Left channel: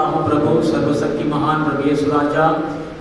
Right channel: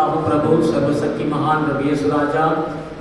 करता हूँ प्रभु सर्वशक्ति महान प्रभु यीशु राजा,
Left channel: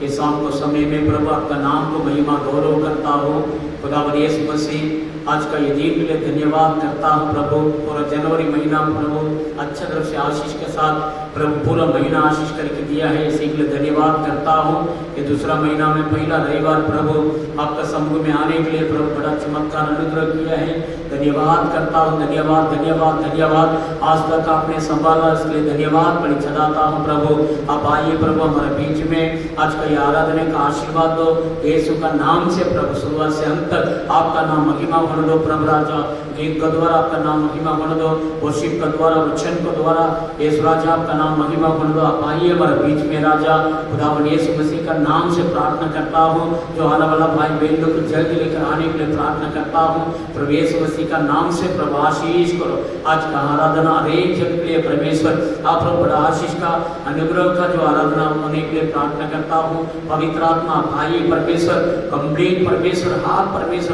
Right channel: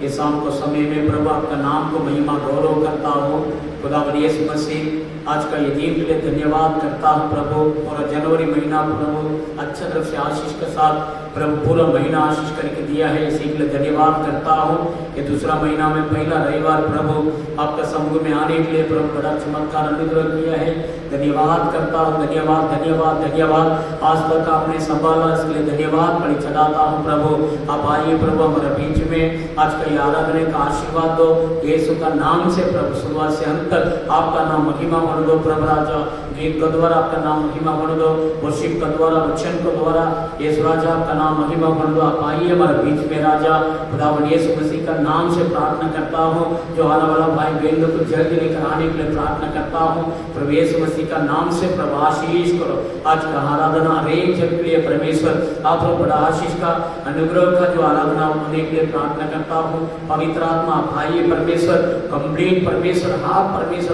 ये शाम को समय में प्रभु आपका नाम को महिमा गौरव करता हूँ। खुदावन यीशु मसीह आज का ये दिन के लिए धन्यवाद करता हूँ प्रभु। पूरा जनवरी महीना प्रभु अच्छे तरह से आशीष के साथ प्रभु पूरा महीना आशीष करके दिया है, इसी के लिए धन्यवाद करता हूँ। कि दूसरा महीना में पहला रविवार प्रभु आपका समूह में आने के लिए प्रभु बड़ा चमत्कार अनुग्रह किया है, धन्यवाद करता हूँ। धन्यवाद धन्यवाद धन्यवाद। आज तक आपने संभाला, इसके लिए धन्यवाद बड़ी चढ़ाता हूँ प्रभु। आप आइए प्रभु हमारे बीच में, आज का ये आराधना का आशीर्वाद दो यीशु का नाम से प्रभु। शुरुआत से अंत तक आपका नाम महिमा होने दो प्रभु राजा। गीत के द्वारा आपका नाम महिमा होने दो, वर्शिप के द्वारा, वचन के द्वारा यीशु राजा आपका नाम महिमा होने दो। आप आइए हमारे बीच में राजा। खुदावन यीशु मसीह का नाम से प्रार्थना करता हूँ। जो आने वाला भाई बहन लोग को जल्दी लेकर आने के लिए प्रार्थना करता हूँ प्रभु यीशु मसीह का नाम से प्रभु आशीष करो। आज का आराधना हरेक जन के लिए परमेश्वर आप लोग बड़ा आशीष का अनुग्रह का जो आराधना होने के लिए प्रार्थना करता हूँ। पवित्र आत्मा भाई परमेश्वर कंप्लीट परमेश्वर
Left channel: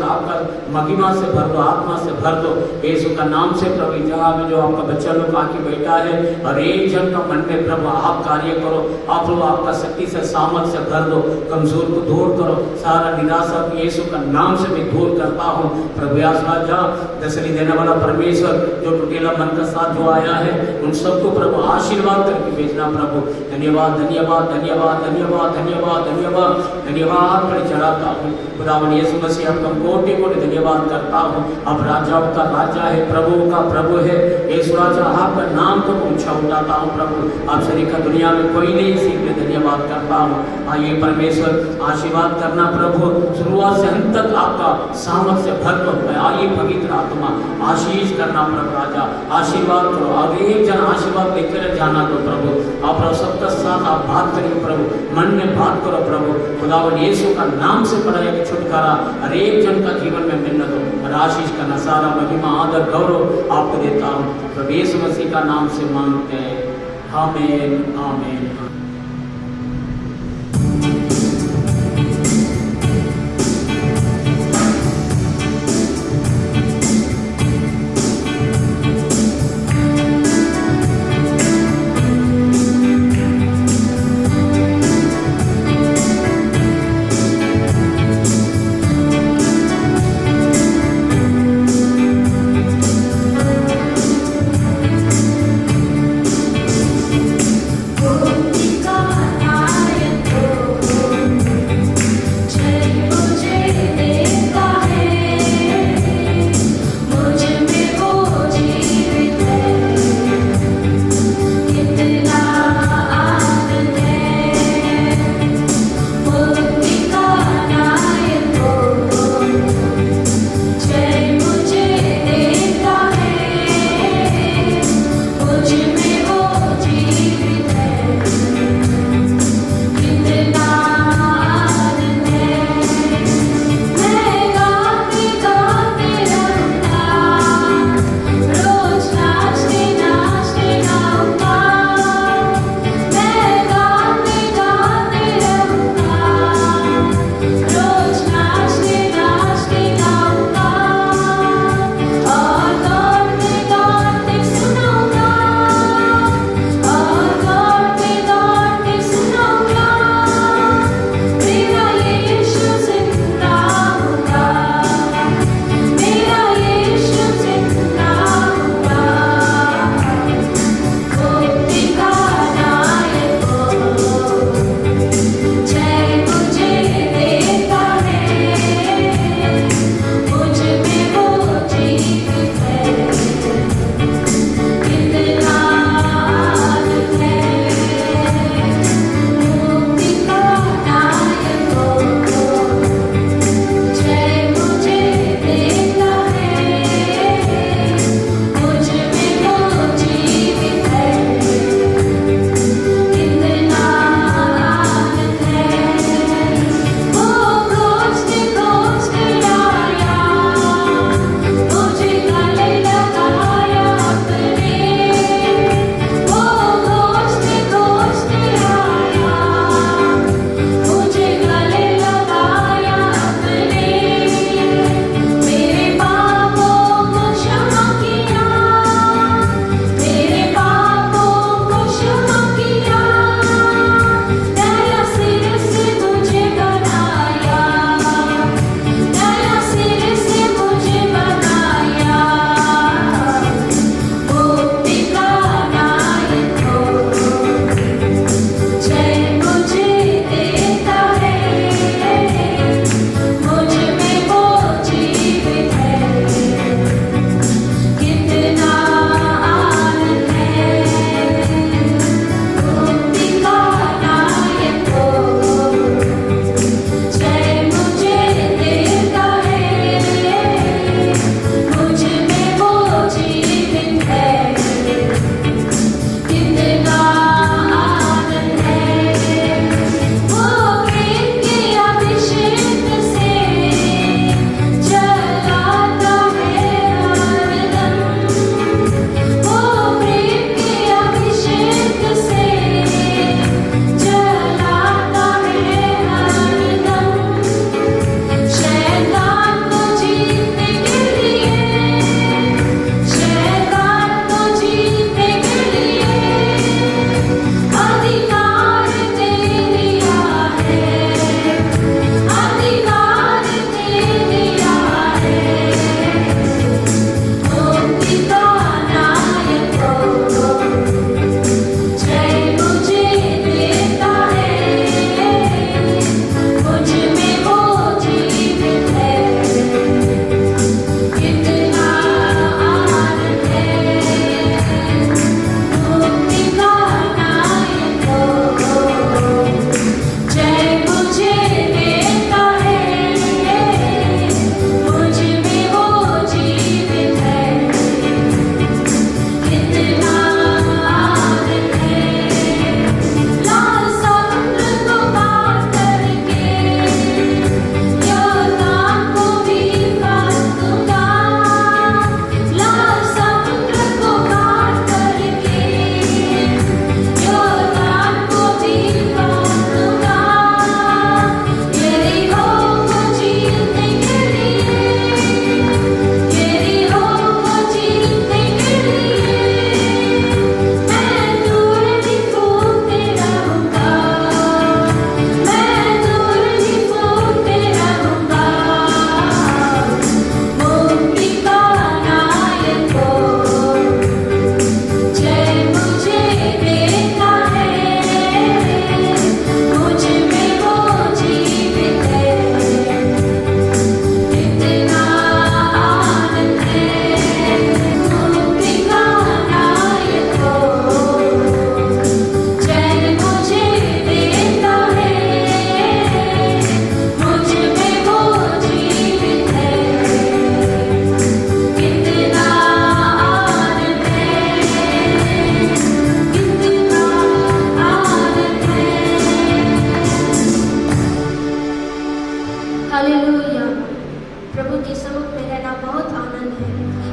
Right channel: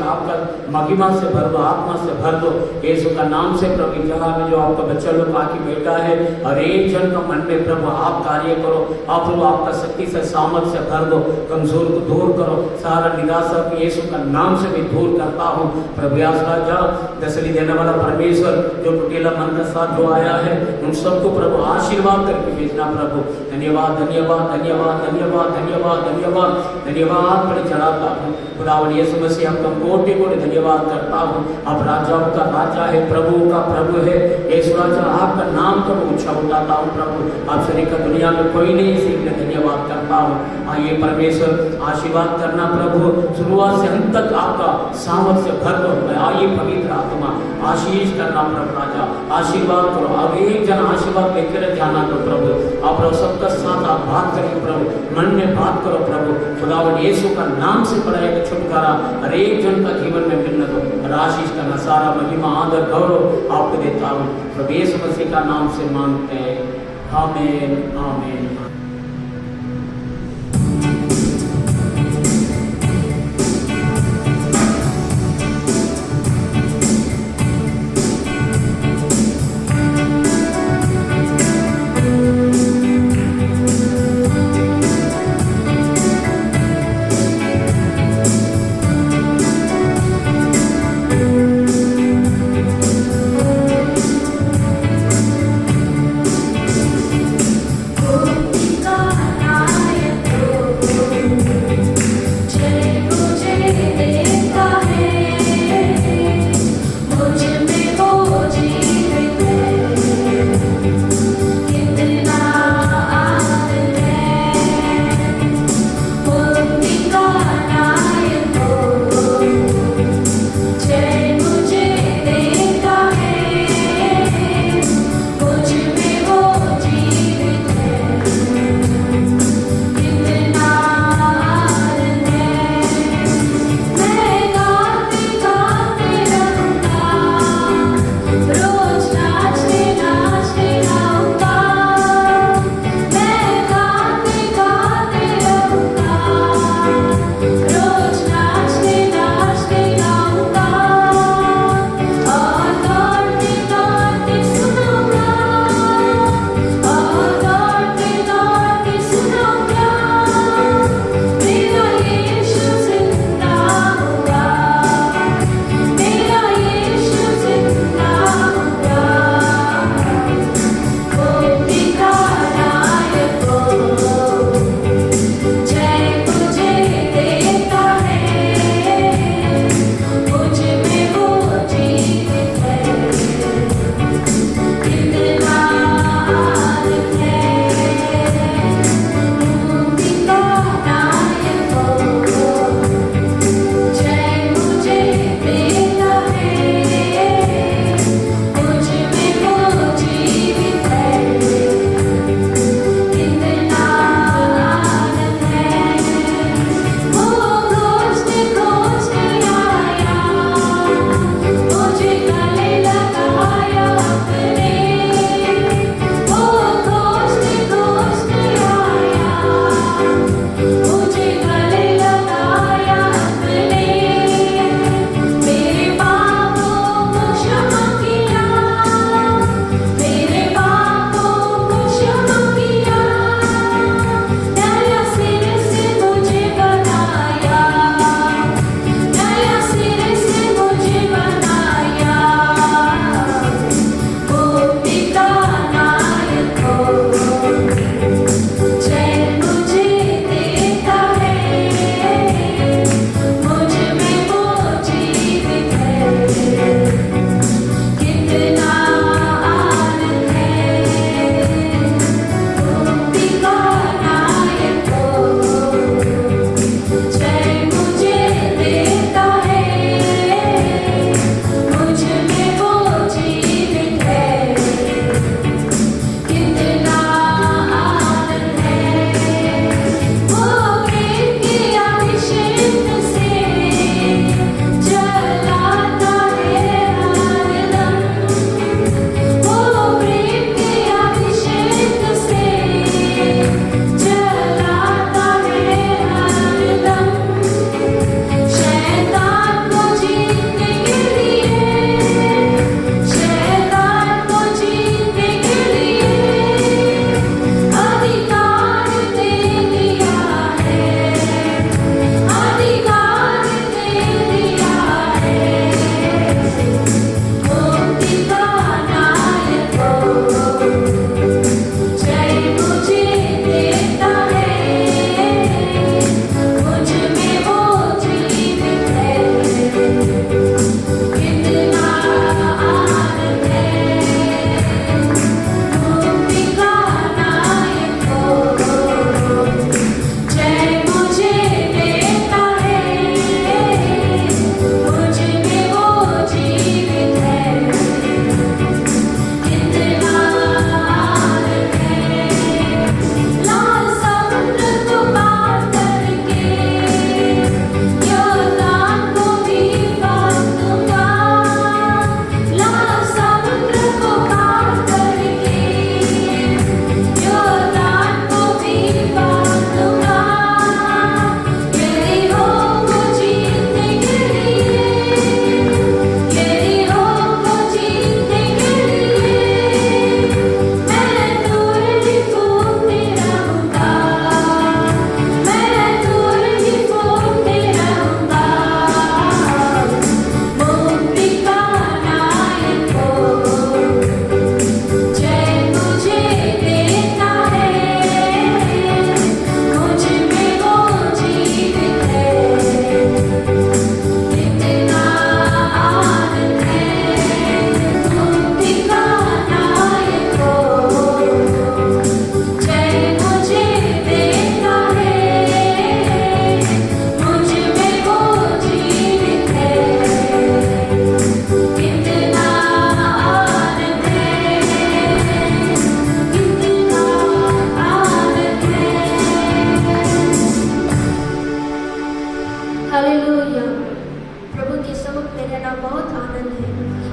आपका महिमा से भर दो, आत्मा से भर दो यीशु का नाम से प्रभु। जगह में जो आपका बच्चा लोग आके बैठा है हर एक जन का मन में प्रभु आप कार्य करो। आप लोग आपका शक्ति से सामर्थ से भर दो, कमजोर को दूर करो, सारा निराशा को यीशु का नाम से भी दूर करता हूँ प्रभु। राजा दसरी देने वाला परमेश्वर जो टूटेला मन का साथ जो आया है उन सबको प्रभु आशीर्वाद करके भेजना प्रभु। धन्यवाद धन्यवाद धन्यवाद धन्यवाद धन्यवाद धन्यवाद धन्यवाद पर चढ़ाता हूँ खुदावन यीशु मसीह। आपका कोटि कोटि धन्यवाद करता हूँ। आप राजाओं का राजा है, प्रभु का प्रभु है यीशु राजा। आपका नाम को ऊंचा उठाता हूँ प्रभु। आप शरीर का दुनिया में कोई नहीं, इसी के लिए धन्यवाद करता हूँ। आइए परमेश्वर आशीर्वाद करना प्रभु, शुरुआत से अंत तक आपका सामर्थ से भर दो। आइए पवित्र आत्मा आशीष करना प्रभु राजा, आशीर्वाद करो। अब एक जन आशीर्वाद लेकर जाना दो प्रभु। आप सबका साथ आप बात करिए प्रभु, मन में बात करो प्रभु। खुदावन यीशु का नाम से बड़ा एक छुटकारा हर एक जन का जीवन में मिलने दो। और आशीष का नसारा महिमा आदर गौरव आपको देता हूँ प्रभु यीशु मसीह का नाम से मांगते हैं, आमीन आमीन। Oh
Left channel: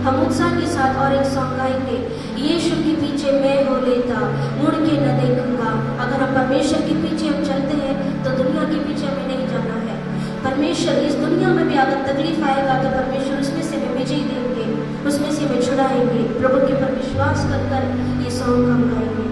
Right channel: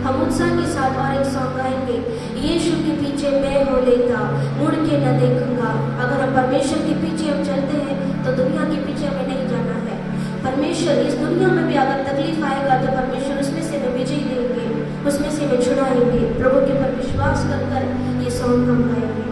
हम उत्साह के साथ और एक सॉन्ग गाएंगे, यीशु के पीछे मैं हो लेता, मुड़ के न देखूंगा। अगर हम परमेश्वर के पीछे हम चलते हैं तो दुनिया के पीछे हमें नहीं जाना है। परमेश्वर इस दुनिया में भी अगर तकलीफ आएगा तो परमेश्वर उसमें से हमें विजय देंगे, उसमें से हमें छुड़ाएंगे। प्रभु के पर विश्वास कर ये सॉन्ग हम गाएंगे।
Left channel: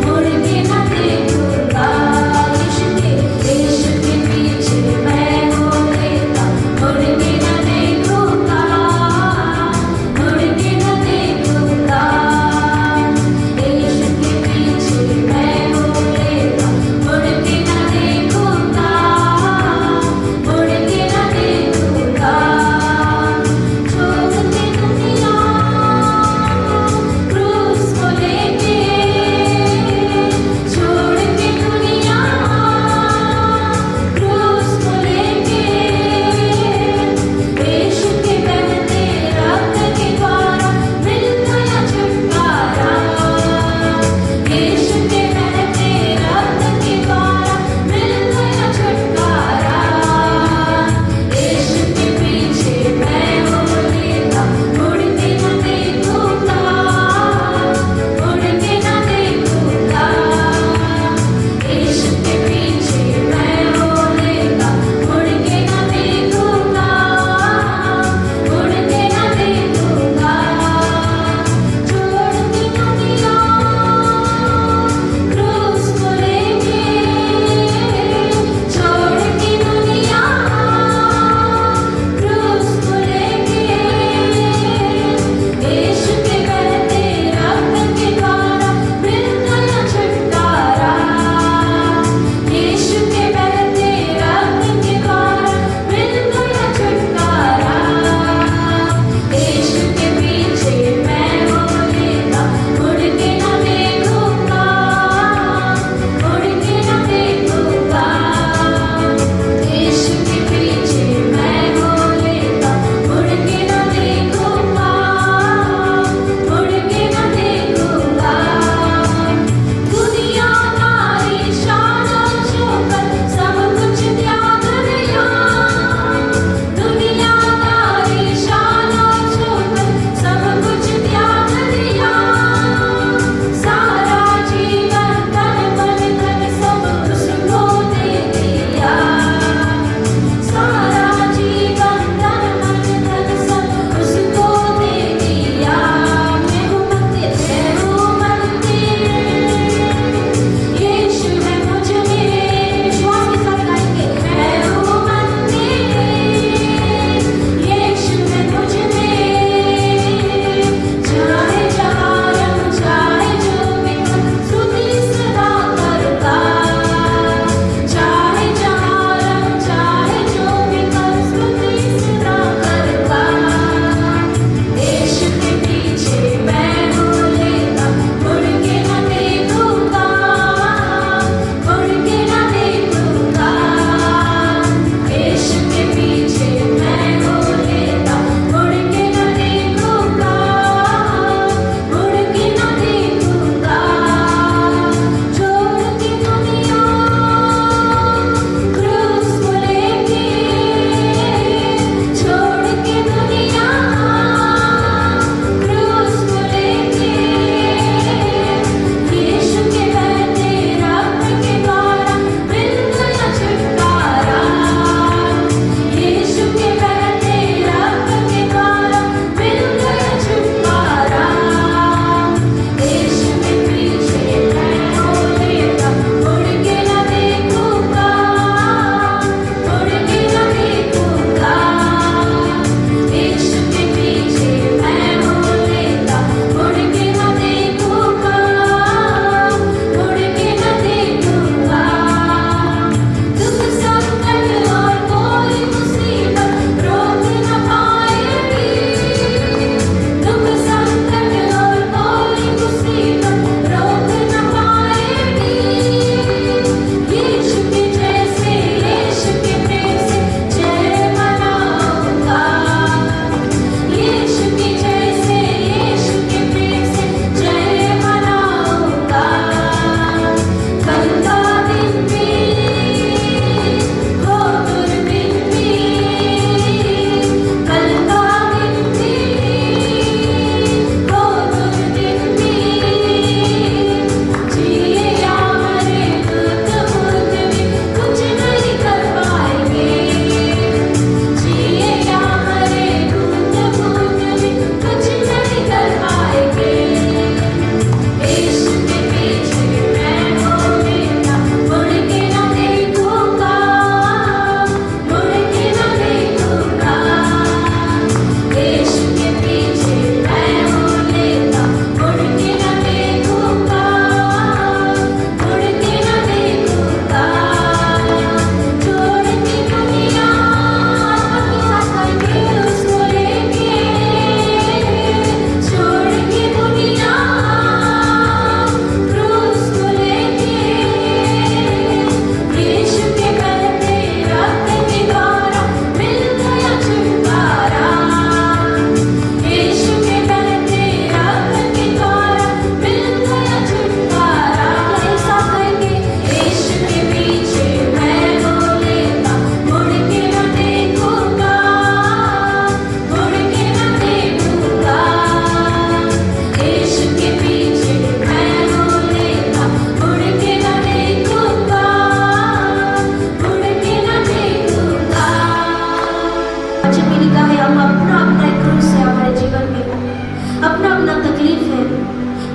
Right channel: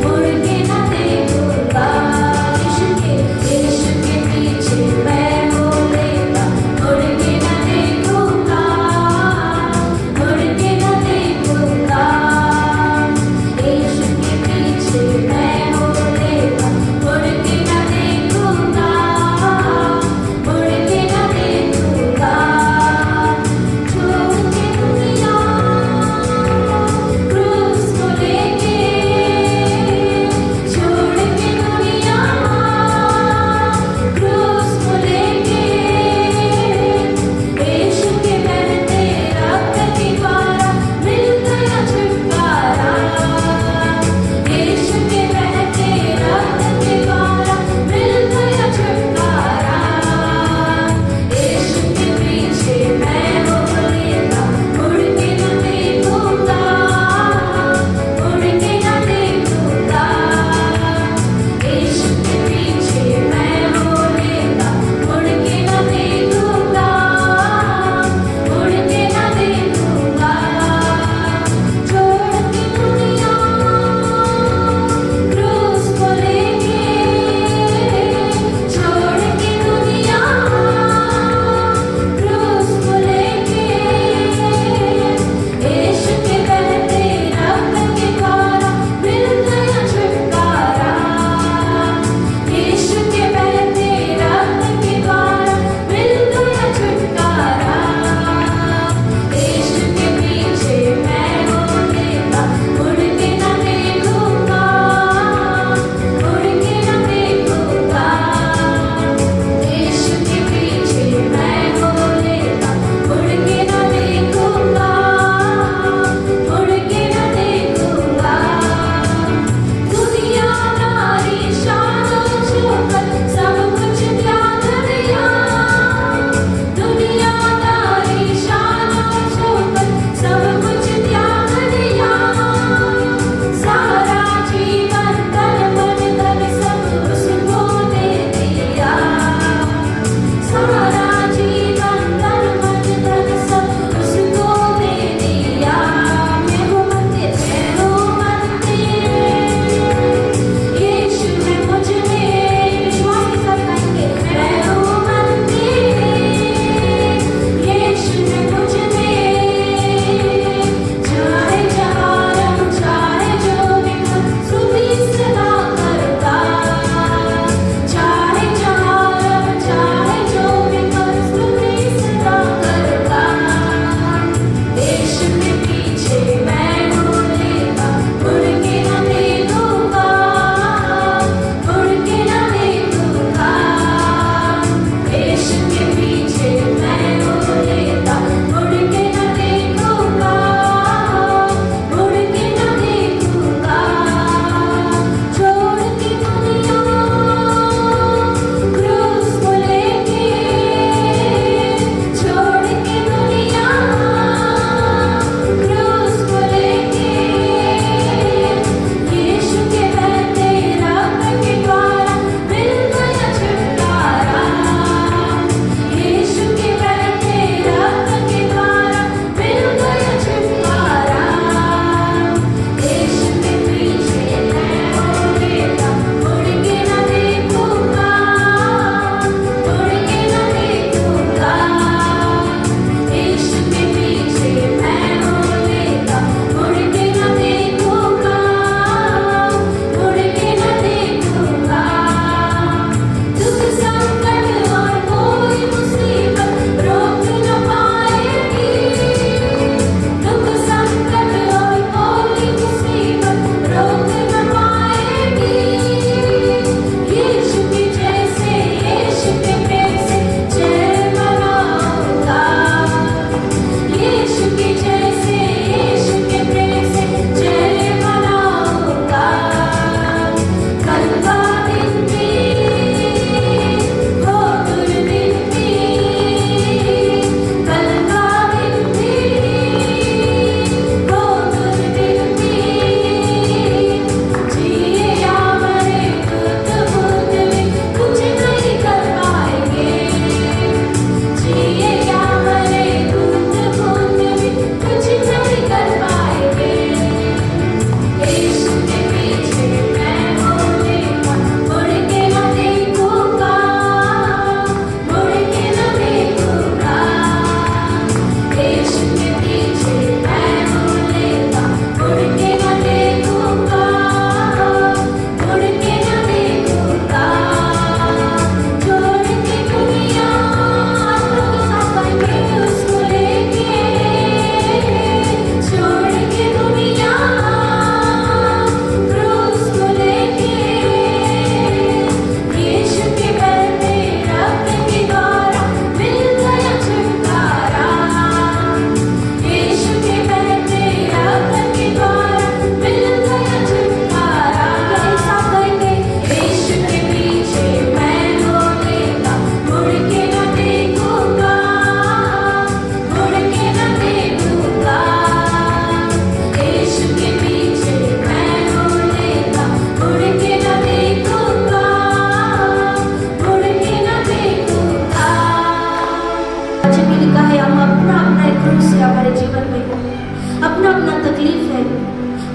मुड़ के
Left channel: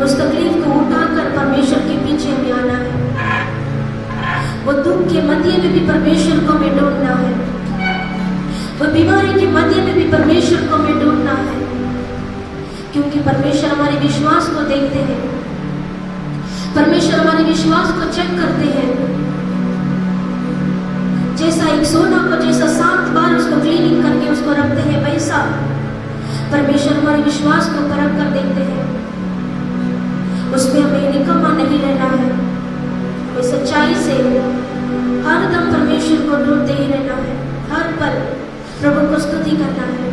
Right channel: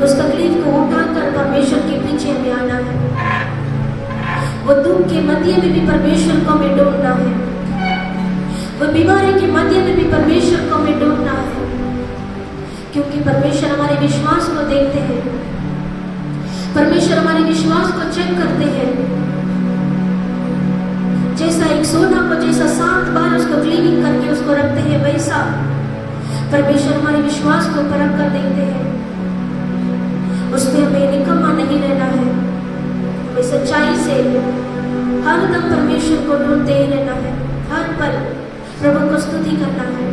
उस तकलीफ को उठाकर परमेश्वर के पीछे हमें आना है। वो दुख के मध्य में भी परमेश्वर को हमें ढूंढना है। वो बीमारी के मध्य में भी परमेश्वर को हमें ढूंढना है, क्योंकि परमेश्वर हमारे विश्वास को देखते हैं। परमेश्वर हमारे विश्वास को चेक करते हैं। जैसा एक सोना को जैसा 7 बार उसको क्लीनिंग करके उसको रखते हैं, वैसा परमेश्वर हमारे विश्वास को परख कर देखते हैं। उसमें हमें निकम्मा नहीं रहना है, हमें सच्चाई से हरदम परमेश्वर को ढूंढते ही रहना है। हर पल प्रभु को स्तुति करना है।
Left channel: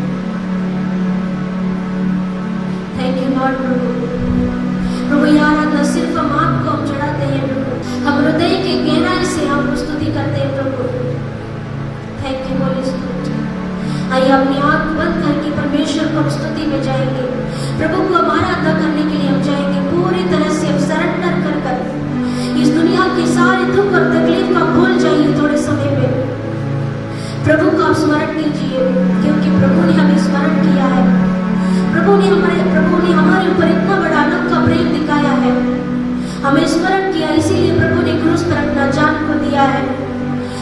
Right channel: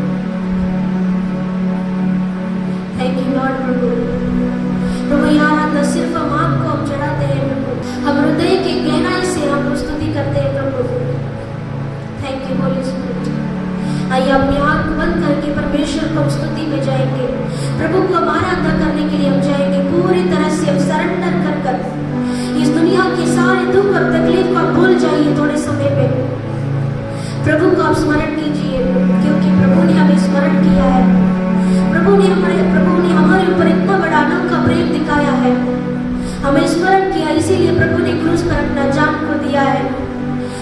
थैंक यू लॉर्ड प्रभु। प्रभु यार आराधना सिर्फ हम आपको हम चढ़ाते हैं प्रभु, हम हृदय के गहराई से हम स्तुति करते हैं प्रभु। Thank you Holy Spirit. आइए अपनी आंख बंद करके परमेश्वर को स्तुति में जाएंगे। प्रभु को हमारा अदा करने के लिए हम जाएंगे पूरी तरह से। हम सरेंडर कर इस दुनिया के सारे दुख और तकलीफ का भूल जाइए थोड़े समय में। प्रभु को आप स्मरण कीजिए, क्योंकि प्रभु ने हमें स्मरण किया है। प्रभु ने हमारे ऊपर इतना बड़ा अनोखा प्रेम दिखाया है, हमें स्मरण किया, इसीलिए प्रभु ने क्रूस पर अपना जान को दिया है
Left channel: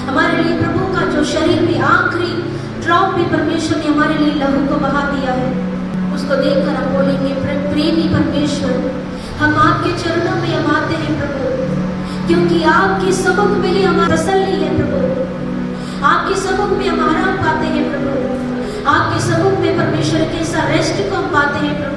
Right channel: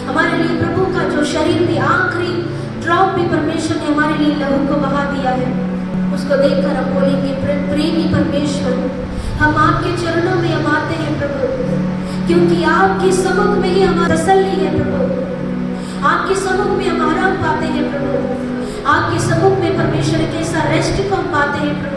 हमारे लिए। प्रभु का जो शरीर भी आखिरी ड्रॉप भी परमेश्वर ने हमारे लिए लहू को बहा दिया है। उसको देखकर हम बोलेंगे प्रेमी परमेश्वर, हम आपके चरणों में हम आते हैं प्रभु, क्योंकि आपके सम्मुख में ही हमारा तसल्ली है प्रभु। आपके सम्मुख में हम आराम पाते हैं प्रभु। आपके सम्मुख में परमेश्वर के साथ रेस्ट को हम पाते हैं प्रभु।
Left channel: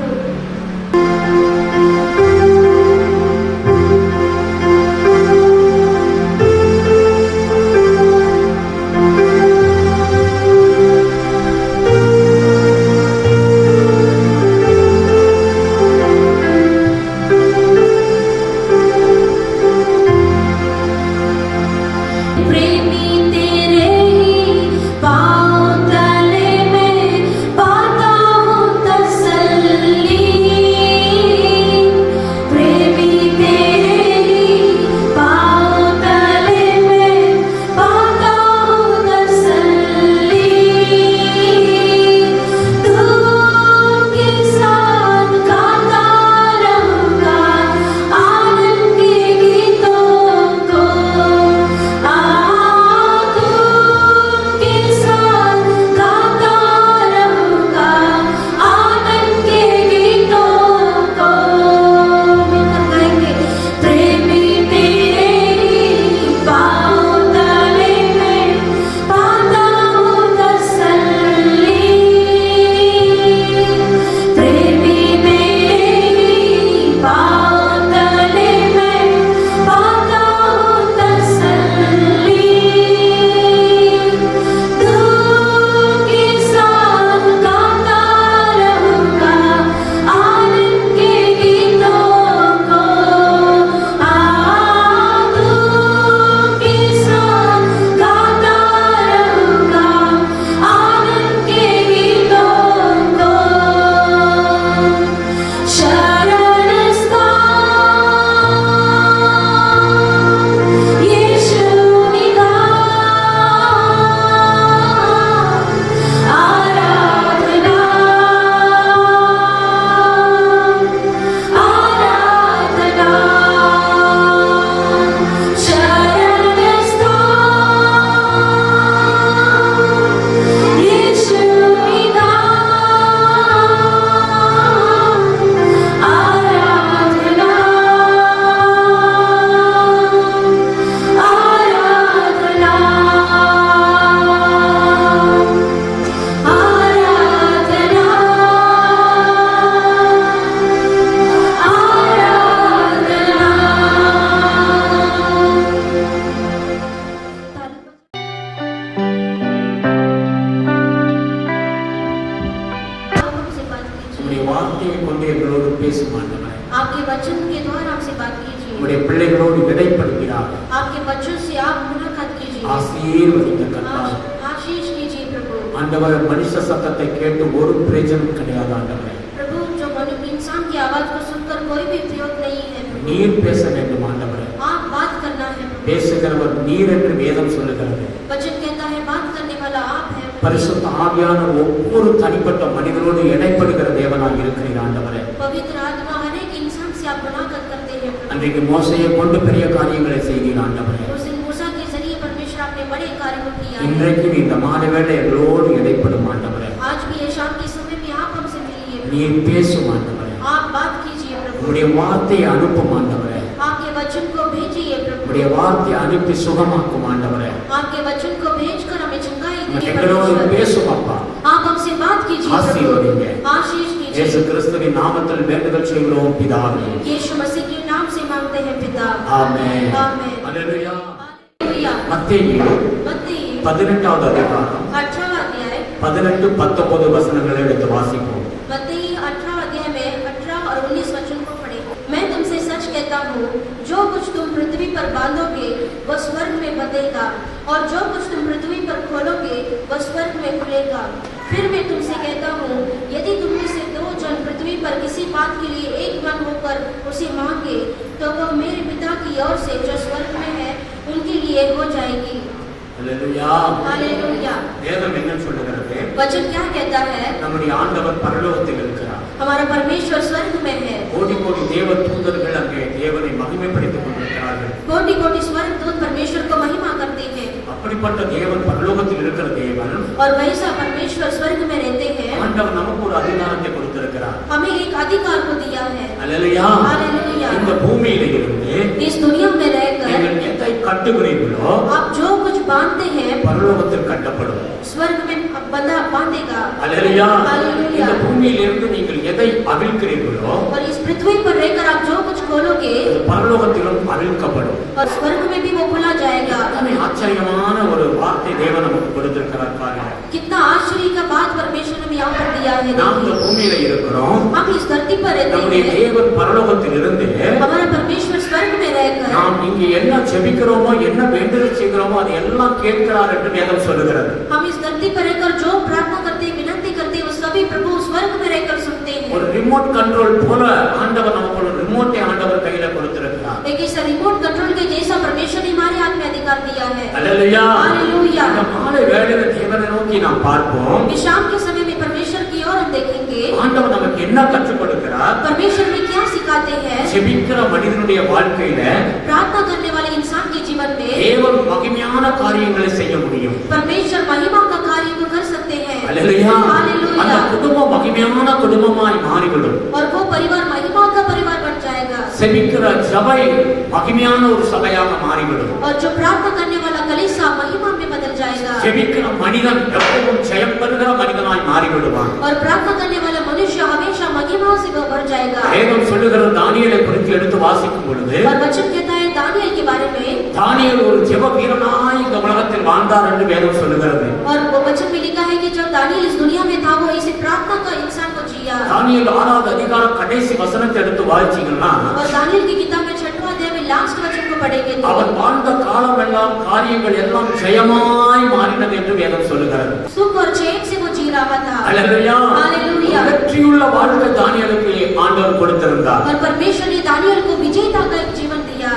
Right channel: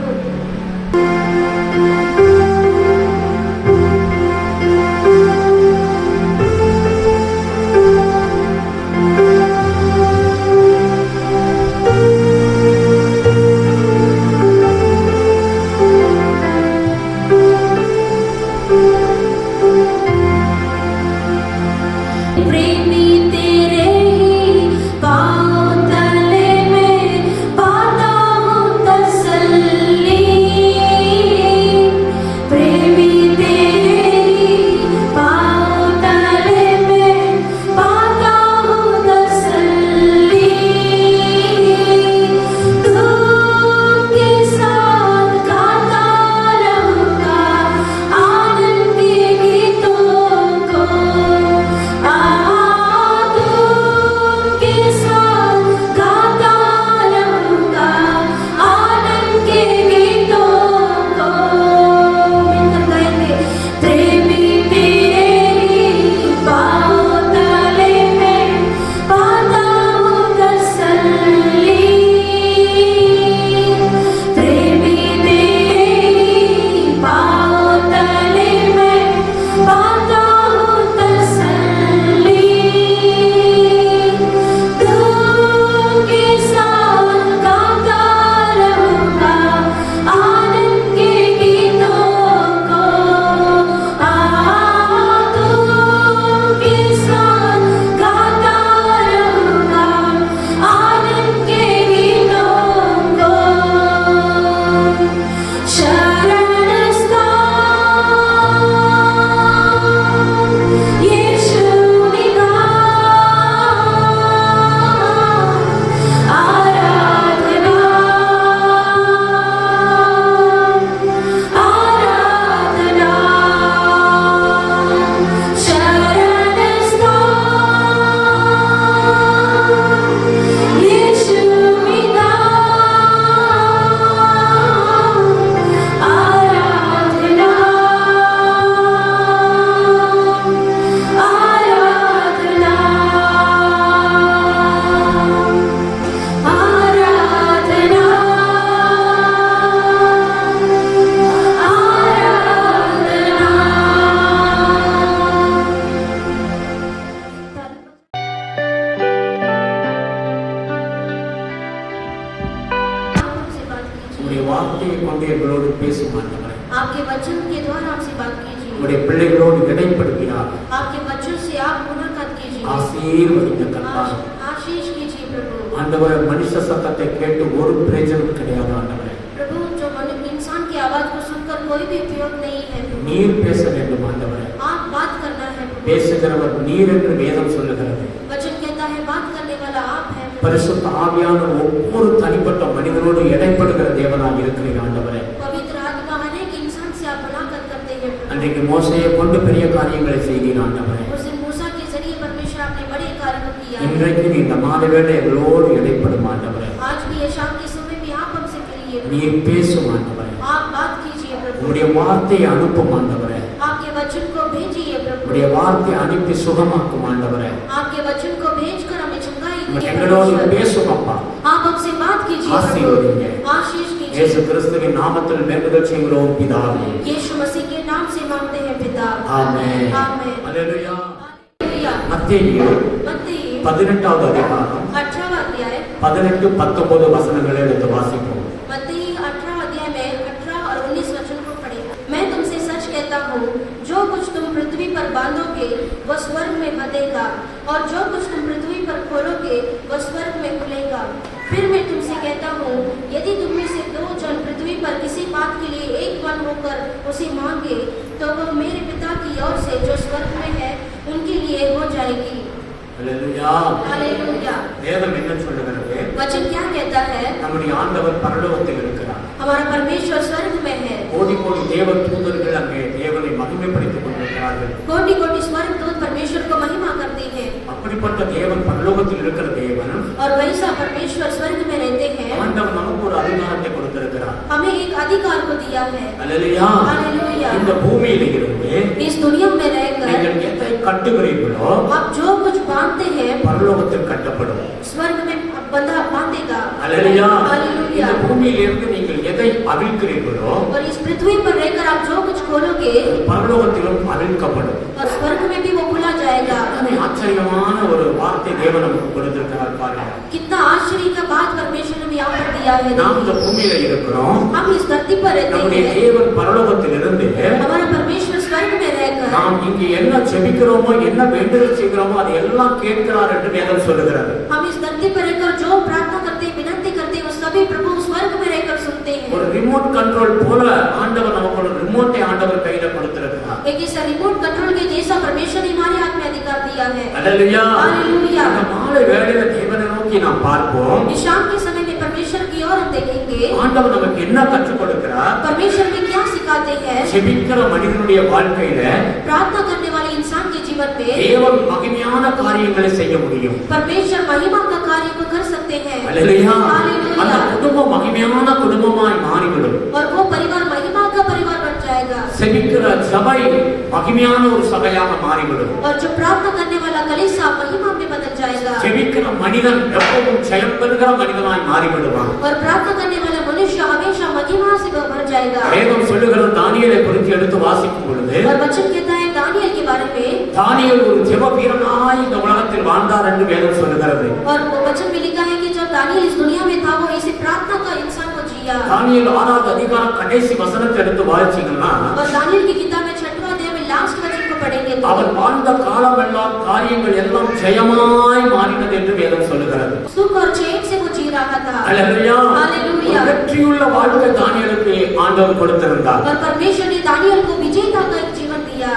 आपके वचन के द्वारा हमसे बात कीजिए। உம்முடைய பிள்ளைகளோடு இடைப்படுகிறார் आपके बच्चों से आप मुलाकात कीजिए। ஆசீர்வதிங்க கர்த்தாவே। आशीष कीजिए प्रभु। ஆண்டவர் மனுஷ சத்தத்தை கேட்டு ஒரு பிரயோஜனம் கிடையாது ஆண்டவரே। प्रभु जो इंसान की आवाज को सुनकर कोई भी उपयोग नहीं है। நீர் பேச வேண்டும் ஆண்டவரே। आप बात करना है। பேசுகிறவர் நீர் என்று வேதம் சொல்லுகிறது। वचन कहता है बात करने वाला आप है। பரிசுத்த ஆவியானவர் ஒவ்வொரு தனிப்பட்ட மனிதனோடு இடைப்படுகிற தேவனாய் இருக்கிறீர் ஆண்டவரே। पवित्र आत्मा हर एक इंसान से आप அன்றைக்கு மோசையை கொண்டு பெரிய காரியங்களை செய்கிற ஆண்டவரே, उस दिन मूसा के जरिए परमेश्वर आपने बड़े कार्यों किया है। இன்றைக்கு நீ இந்த மாலை வேளை எங்களோடு இடைப்படும் ஆண்டவரே, आज भी ये शाम के समय में आप हमसे मिलिए, நீர் பேசும் ஆண்டவரே, आप बात कीजिए प्रभु, உம்முடைய வார்த்தையை அனுப்பும் ஆண்டவரே, आपके वचन को भेजिए प्रभु, உம்முடைய வார்த்தையை அனுப்பி சுகமாக்கும் ஆண்டவரே, आपके वचन को भेजकर हमें चंगाई दीजिए எங்களோடு परमेश्वर। பேசும் அப்பா, आप हमसे बात कीजिए ஆசீர்வதிங்க. प्रभु, आशीष இயேசு कीजिए। கிறிஸ்துவின் நாமத்தில் வேண்டுதல் செய்கிறோம் பிதாவே, यीशु मसीह के नाम से मांगते हैं पिता, ஆமென். आमेन। அல்லேலூயா. हालेलुया। மத்தேயு मत्ती 18வது அதிகாரம் 18वां अध्याय, 18, 19 वचनங்களை எடுத்து வாசிப்போம். मत्ती 18 अध्याय में 18 और 19 वचन को पढ़े। मैं तुमसे सच कहता हूँ, जो कुछ तुम पृथ्वी पर बांधोगे वह स्वर्ग में बंधेगा, और जो कुछ तुम पृथ्वी पर खोलोगे वह स्वर्ग में खुलेगा। फिर मैं तुमसे कहता हूँ, यदि तुम में से 2 जन पृथ्वी पर किसी बात के लिए एक मन होकर उसे मांगे, तो वह मेरे पिता की ओर से जो स्वर्ग में है उनके लिए हो जाएगी। அல்லேலூயா. हालेलुया। வேதம் என்ன சொல்லுகிறது? वचन क्या कहता है? நம்முடைய ஆண்டவர் பரலோகத்தில் இருக்கிறார். हमारा परमेश्वर स्वर्ग में है। கோடி கோடி தேவ தூதர்கள் அங்கே தேவனை மகிமைப்படுத்திக் கொண்டிருக்கிறார்கள். कोटि कोटि स्वर्ग दूत परमेश्वर को महिमा करते हैं, அப்படிப்பட்ட தேவன் பரலோகத்தில் இருக்கிற தேவன் और वैसा परमेश्वर स्वर्ग में रहते हैं। ஆண்டவர் நமக்கு ஒரு அதிகாரத்தை கொடுத்திருக்கிறார். हमें एक अधिकार को दिया है। அல்லேலூயா. हालेलुया। இந்த பூமியில இருந்து इस दुनिया में रहकर நீங்கள் எதை கட்டுகிறீர்களோ आप जो कुछ बांधते हैं பரலோகத்தில் கட்டப்படும். स्वर्ग में बंधा बांधेगा। அல்லேலூயா. हालेलुया। இந்த பூமியிலிருந்து நீங்கள் எதை அவிழ்க்கிறீர்களோ और इस पृथ्वी पर रहकर आप जो कुछ खोलोगे பரலோகத்திலும் அவிழ்க்கப்படும். और स्वर्ग में भी वो खुला जाएगा। அத்தனை ஆச்சரியமான ஒரு வார்த்தை தேவன் நமக்கு கொடுத்திருக்கிறார் பாருங்க. कितना आश्चर्य का बात परमेश्वर ने यहाँ पर दिया है। நாம் இந்த பூமியில இருக்கிறோம். हम इस धरती पर रहते நம்முடைய हैं, தேவன் பரலோகத்தில் இருந்து हमारा परमेश्वर स्वर्ग में रहकर நாம் இங்கே என்ன ஜெபிக்கிறோமோ என்ன வேண்டுதல் செய்கிறோமோ அது எல்லாம் கேட்கிறார் என்று வேதம் சொல்லுகிறது. हम इस धरती पर रहकर जो प्रार्थना करते विनती करते वो सभी प्रभु स्वर्ग में रहकर सुनते ஒரு हैं। ரிமோட் கண்ட்ரோல் போல ஆண்டவர் நமக்கு ஒரு ரிமோட்டை ஆண்டவர் கையில கொடுத்திருக்கிறார். एक इस रिमोट कंट्रोल के जैसा परमेश्वर ने हमारे हाथ में अधिकार दिया है। அல்லேலூயா. हालेलुया। இந்த மாலை வேளையில தேவனை நோக்கி நாம் பார்ப்போம். इस शाम के समय में परमेश्वर की ओर हम देखेंगे, ஆண்டவர் நமக்கு என்ன கற்றுக் கொடுக்கிறார்? परमेश्वर में क्या सिखाते हैं। ஜெபிக்கிற மனிதனுடைய வாழ்க்கையில प्रार्थना करने वाले इंसान के जीवन में தேவன் மகிமையான காரியங்களை செய்ய முடியும். परमेश्वर महिमा का कार्य को कर सकते हैं। அல்லேலூயா. அந்த हालेलुया। குடும்பம் மகிமையான குடும்பமாய் மாறிவிடும். और वो परिवार महिमा का परिवार बन जाएगा, செபிக்கிற சபை மகிமையான ஒரு சபையாக மாறிவிடும். और जो प्रार्थना करने वाला कलीसिया महिमा में बदल जाएगा, ஜெபிக்கிற மனிதன் எப்பவும் ஜெயம் பெறுகிற மனிதனாய் மாறிவிடுவான். और प्रार्थना करने वाला मनुष्य हमेशा महिमा से भर जाएगा। வேதம் சொல்லுகிற தானியேலை குறித்து எடுத்து வாசிக்கும் பொழுது और वचन कहता है दानियल के बारे में, தானியேல் ஒரு ஜெப வீரனாய் இந்த உலகத்தில் வாழ்ந்தார் என்று வேதம் சொல்லுகிறது. और वो वचन में लिखा है कि जब दानियल इस दुनिया में था वो इसी प्रार्थना का इंसान को जिया। தானியேல் 6வது அதிகாரம் கடைசி வசனத்தை எடுத்து வாசிச்சீங்கன்னா और दानियल की किताब में 6वां अध्याय में लास्ट वचन को पढ़ेंगे तो அவர் வாழ்ந்த காலம் எல்லாம் காரியங்கள் எல்லாம் ஜெயமாய் மாறினது என்று வேதம் சொல்லுகிறது. सुख और चैन से वो जी रहा था। அல்லேலூயா. हालेलुया। வெற்றியுள்ள வாழ்க்கை தானியேலுக்கு ஆண்டவர் கொடுத்திருந்தார். और परमेश्वर ने दानियल को विजेता का एक जीवन दिया।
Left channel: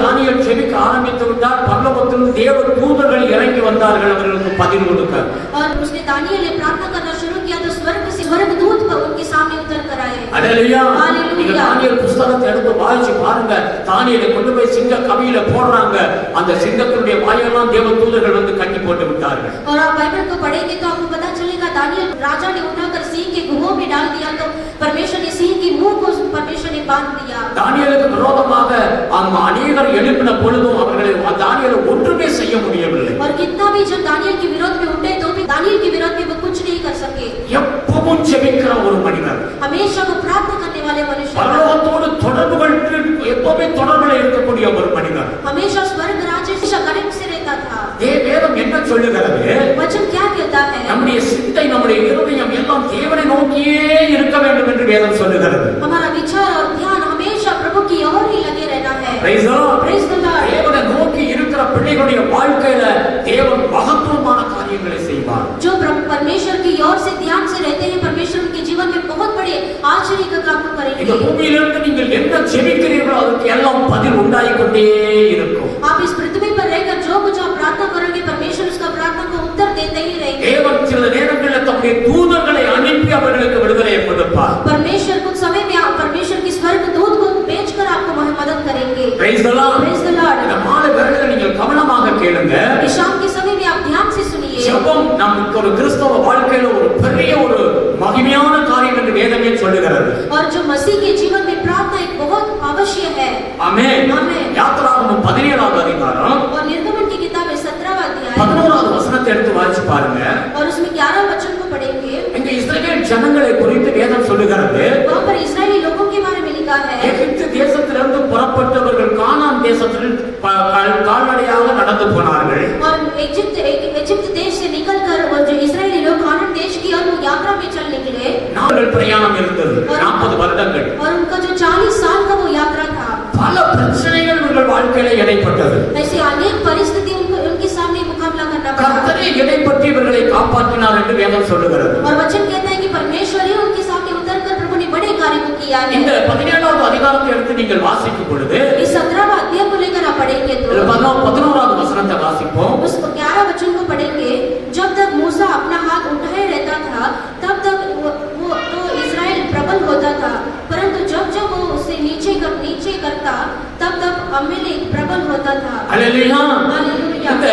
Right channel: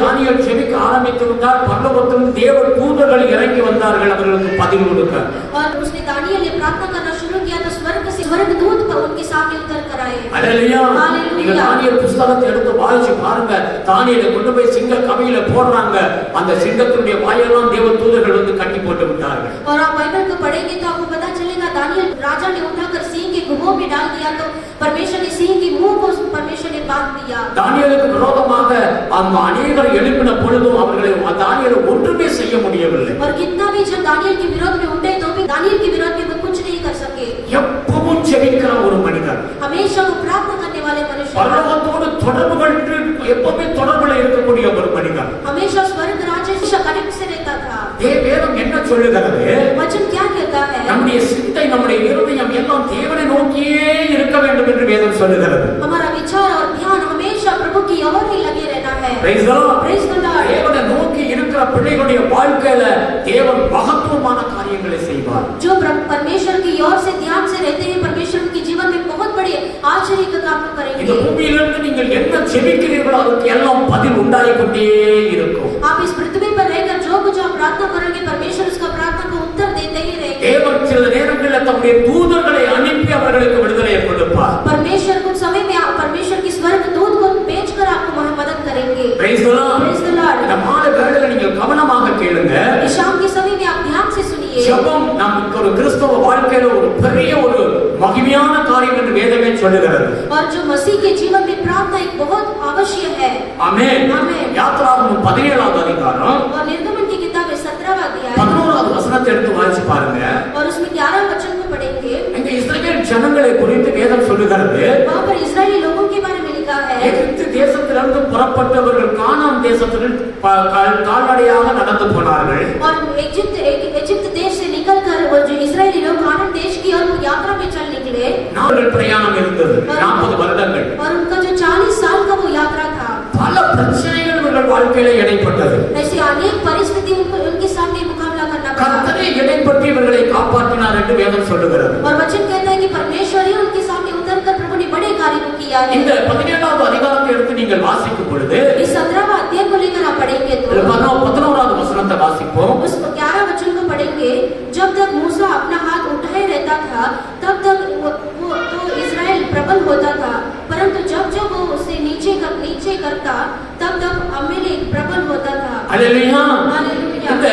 தானியேல் ஜெபிக்க ஆரம்பித்து விட்டார். பரலோகத்தில் தேவ தூதர்கள் இறங்கி வந்தார்கள் அவர்களுக்கு பதில் கொடுக்க. और उसने दानियल ने प्रार्थना करना शुरू किया तो स्वर्ग से स्वर्गदूत पर उनके सामने उतर कर आए। அல்லேலூயா. हालेलुया। நீங்க தானியேல் புத்தகத்தை எடுத்து வாசிச்சு பாருங்க. தானியேலை கொண்டு போய் சிங்க கவியில போடுறாங்க. அந்த சிங்கத்தினுடைய வாயெல்லாம் தேவ தூதர்கள் வந்து கட்டி போட்டு விட்டார்கள். और आप बाइबल को पढ़ेंगे तो आपको पता चलेगा दानियल राजा ने उठाकर सिंह के गुफा में डाल दिया तो परमेश्वर ने सिंह की मुंह को परमेश्वर ने बांध दिया। தானியேலுக்கு விரோதமாக அவங்க அநேகர் எழுப்பின பொழுதும் அவர்களை தானியேல் ஒன்றுமே செய்ய முடியவில்லை. और कितना भी जब दानियल के विरोध में उठे तो भी दानियल के विरोध में वो कुछ नहीं कर सके। எப்பவும் ஜெபிக்கிற ஒரு மனிதர், हमेशा वो प्रार्थना करने वाले मनुष्य, பரலோகத்தோடு தொடர்பு கொண்டு எப்பவுமே தொடர்புல இருக்கக்கூடிய ஒரு மனிதர். हमेशा स्वर्ग राज्य से कनेक्ट से रहता था। வேதம் என்ன சொல்லுகிறது? वचन क्या कहता है? நம்முடைய சிந்தை நம்முடைய இருதயம் எல்லாம் தேவனை நோக்கியே இருக்க வேண்டும் என்று வேதம் சொல்லுகிறது. हमारा विचार और ध्यान हमेशा प्रभु की ओर ही लगे रहना है। Praise the Lord. Praise the Lord। தேவனை நோக்கி இருக்கிற பிள்ளைகளுடைய வாழ்க்கையில தேவன் மகத்துவமான காரியங்களை செய்வார். जो परमेश्वर की ओर से ध्यान से रहते हैं परमेश्वर उनके जीवन में बहुत बड़े आश्चर्य का काम இந்த करेंगे। பூமியிலிருந்து நீங்கள் என்ன ஜெபிக்கிறீர்களோ அதற்கு எல்லாம் பதில் உண்டாகிக்கொண்டே இருக்கும். आप इस पृथ्वी पर रहकर जो कुछ आप प्रार्थना करोगे परमेश्वर उसका प्रार्थना को उत्तर देते ही रहेंगे। தேவன் சில நேரங்களில் தம்முடைய தூதர்களை அனுப்பி அவர்களுக்கு விடுதலை கொடுப்பார். परमेश्वर कुछ समय में परमेश्वर की स्वर्ग दूत को भेजकर आपको मदद करेंगे। Praise the Lord. Praise the Lord. இந்த மாலை வேளையில நீங்கள் கவனமாக கேளுங்க. इस शाम के समय में आप ध्यान से सुनिए. ஜெபம் நமக்கு ஒரு கிறிஸ்தவ வாழ்க்கையில ஒரு பெரிய ஒரு மகிமையான காரியம் என்று வேதமே சொல்லுகிறது. और जो मसीह के जीवन में प्रार्थना एक बहुत अवश्य है. ஆமென். आमेन. யாத்திராகமம் 17வது அதிகாரம் और निर्गमन की किताब में 17वां अध्याय 11வது வசனத்தை எடுத்து வாசிச்சு பாருங்க. और उसमें 11 वचन को पढ़ेंगे. இங்க இஸ்ரவேல் ஜனங்களை குறித்து வேதம் சொல்லுகிறது. वहां पर इस्राएली लोगों के बारे में लिखा है. எகிப்து தேசத்திலிருந்து புறப்பட்டவர்கள் கானான் தேசத்தில் கால்நடையாக நடந்து போனார்கள். और इजिप्ट देश से निकलकर वो जो इस्राएली लोग कानान देश की और यात्रा में चल निकले. நாங்கள் பிரயாணம் இருந்தது 40 வருடங்கள். और उनका जो 40 साल का वो यात्रा था. பல பிரச்சனைகள் இவர்கள் வாழ்க்கையில இடைப்பட்டது. ऐसी अनेक परिस्थिति उनके सामने मुकाबला करना पड़ा. கர்த்தரே இடைப்பட்டு இவர்களை காப்பாற்றினார் என்று வேதம் சொல்லுகிறது. और वचन कहता है कि परमेश्वर ही उनके सामने उतरकर प्रभु ने बड़े कार्य को किया है. இந்த 17வது அதிகாரத்தை எடுத்து நீங்கள் வாசிக்கும் பொழுது इस 17वां अध्याय को लेकर आप पढ़ेंगे तो 11வது வசனத்தை வாசிப்போம். उस 11 वचन को पढ़ेंगे. जब तक मूसा अपना हाथ उठाए रहता था तब तक वो तो इस्राएल प्रबल होता था, परंतु जब जब वो उसे नीचे करता तब तब अमेलेक प्रबल होता था. அல்லேலூயா. हालेलुया. இந்த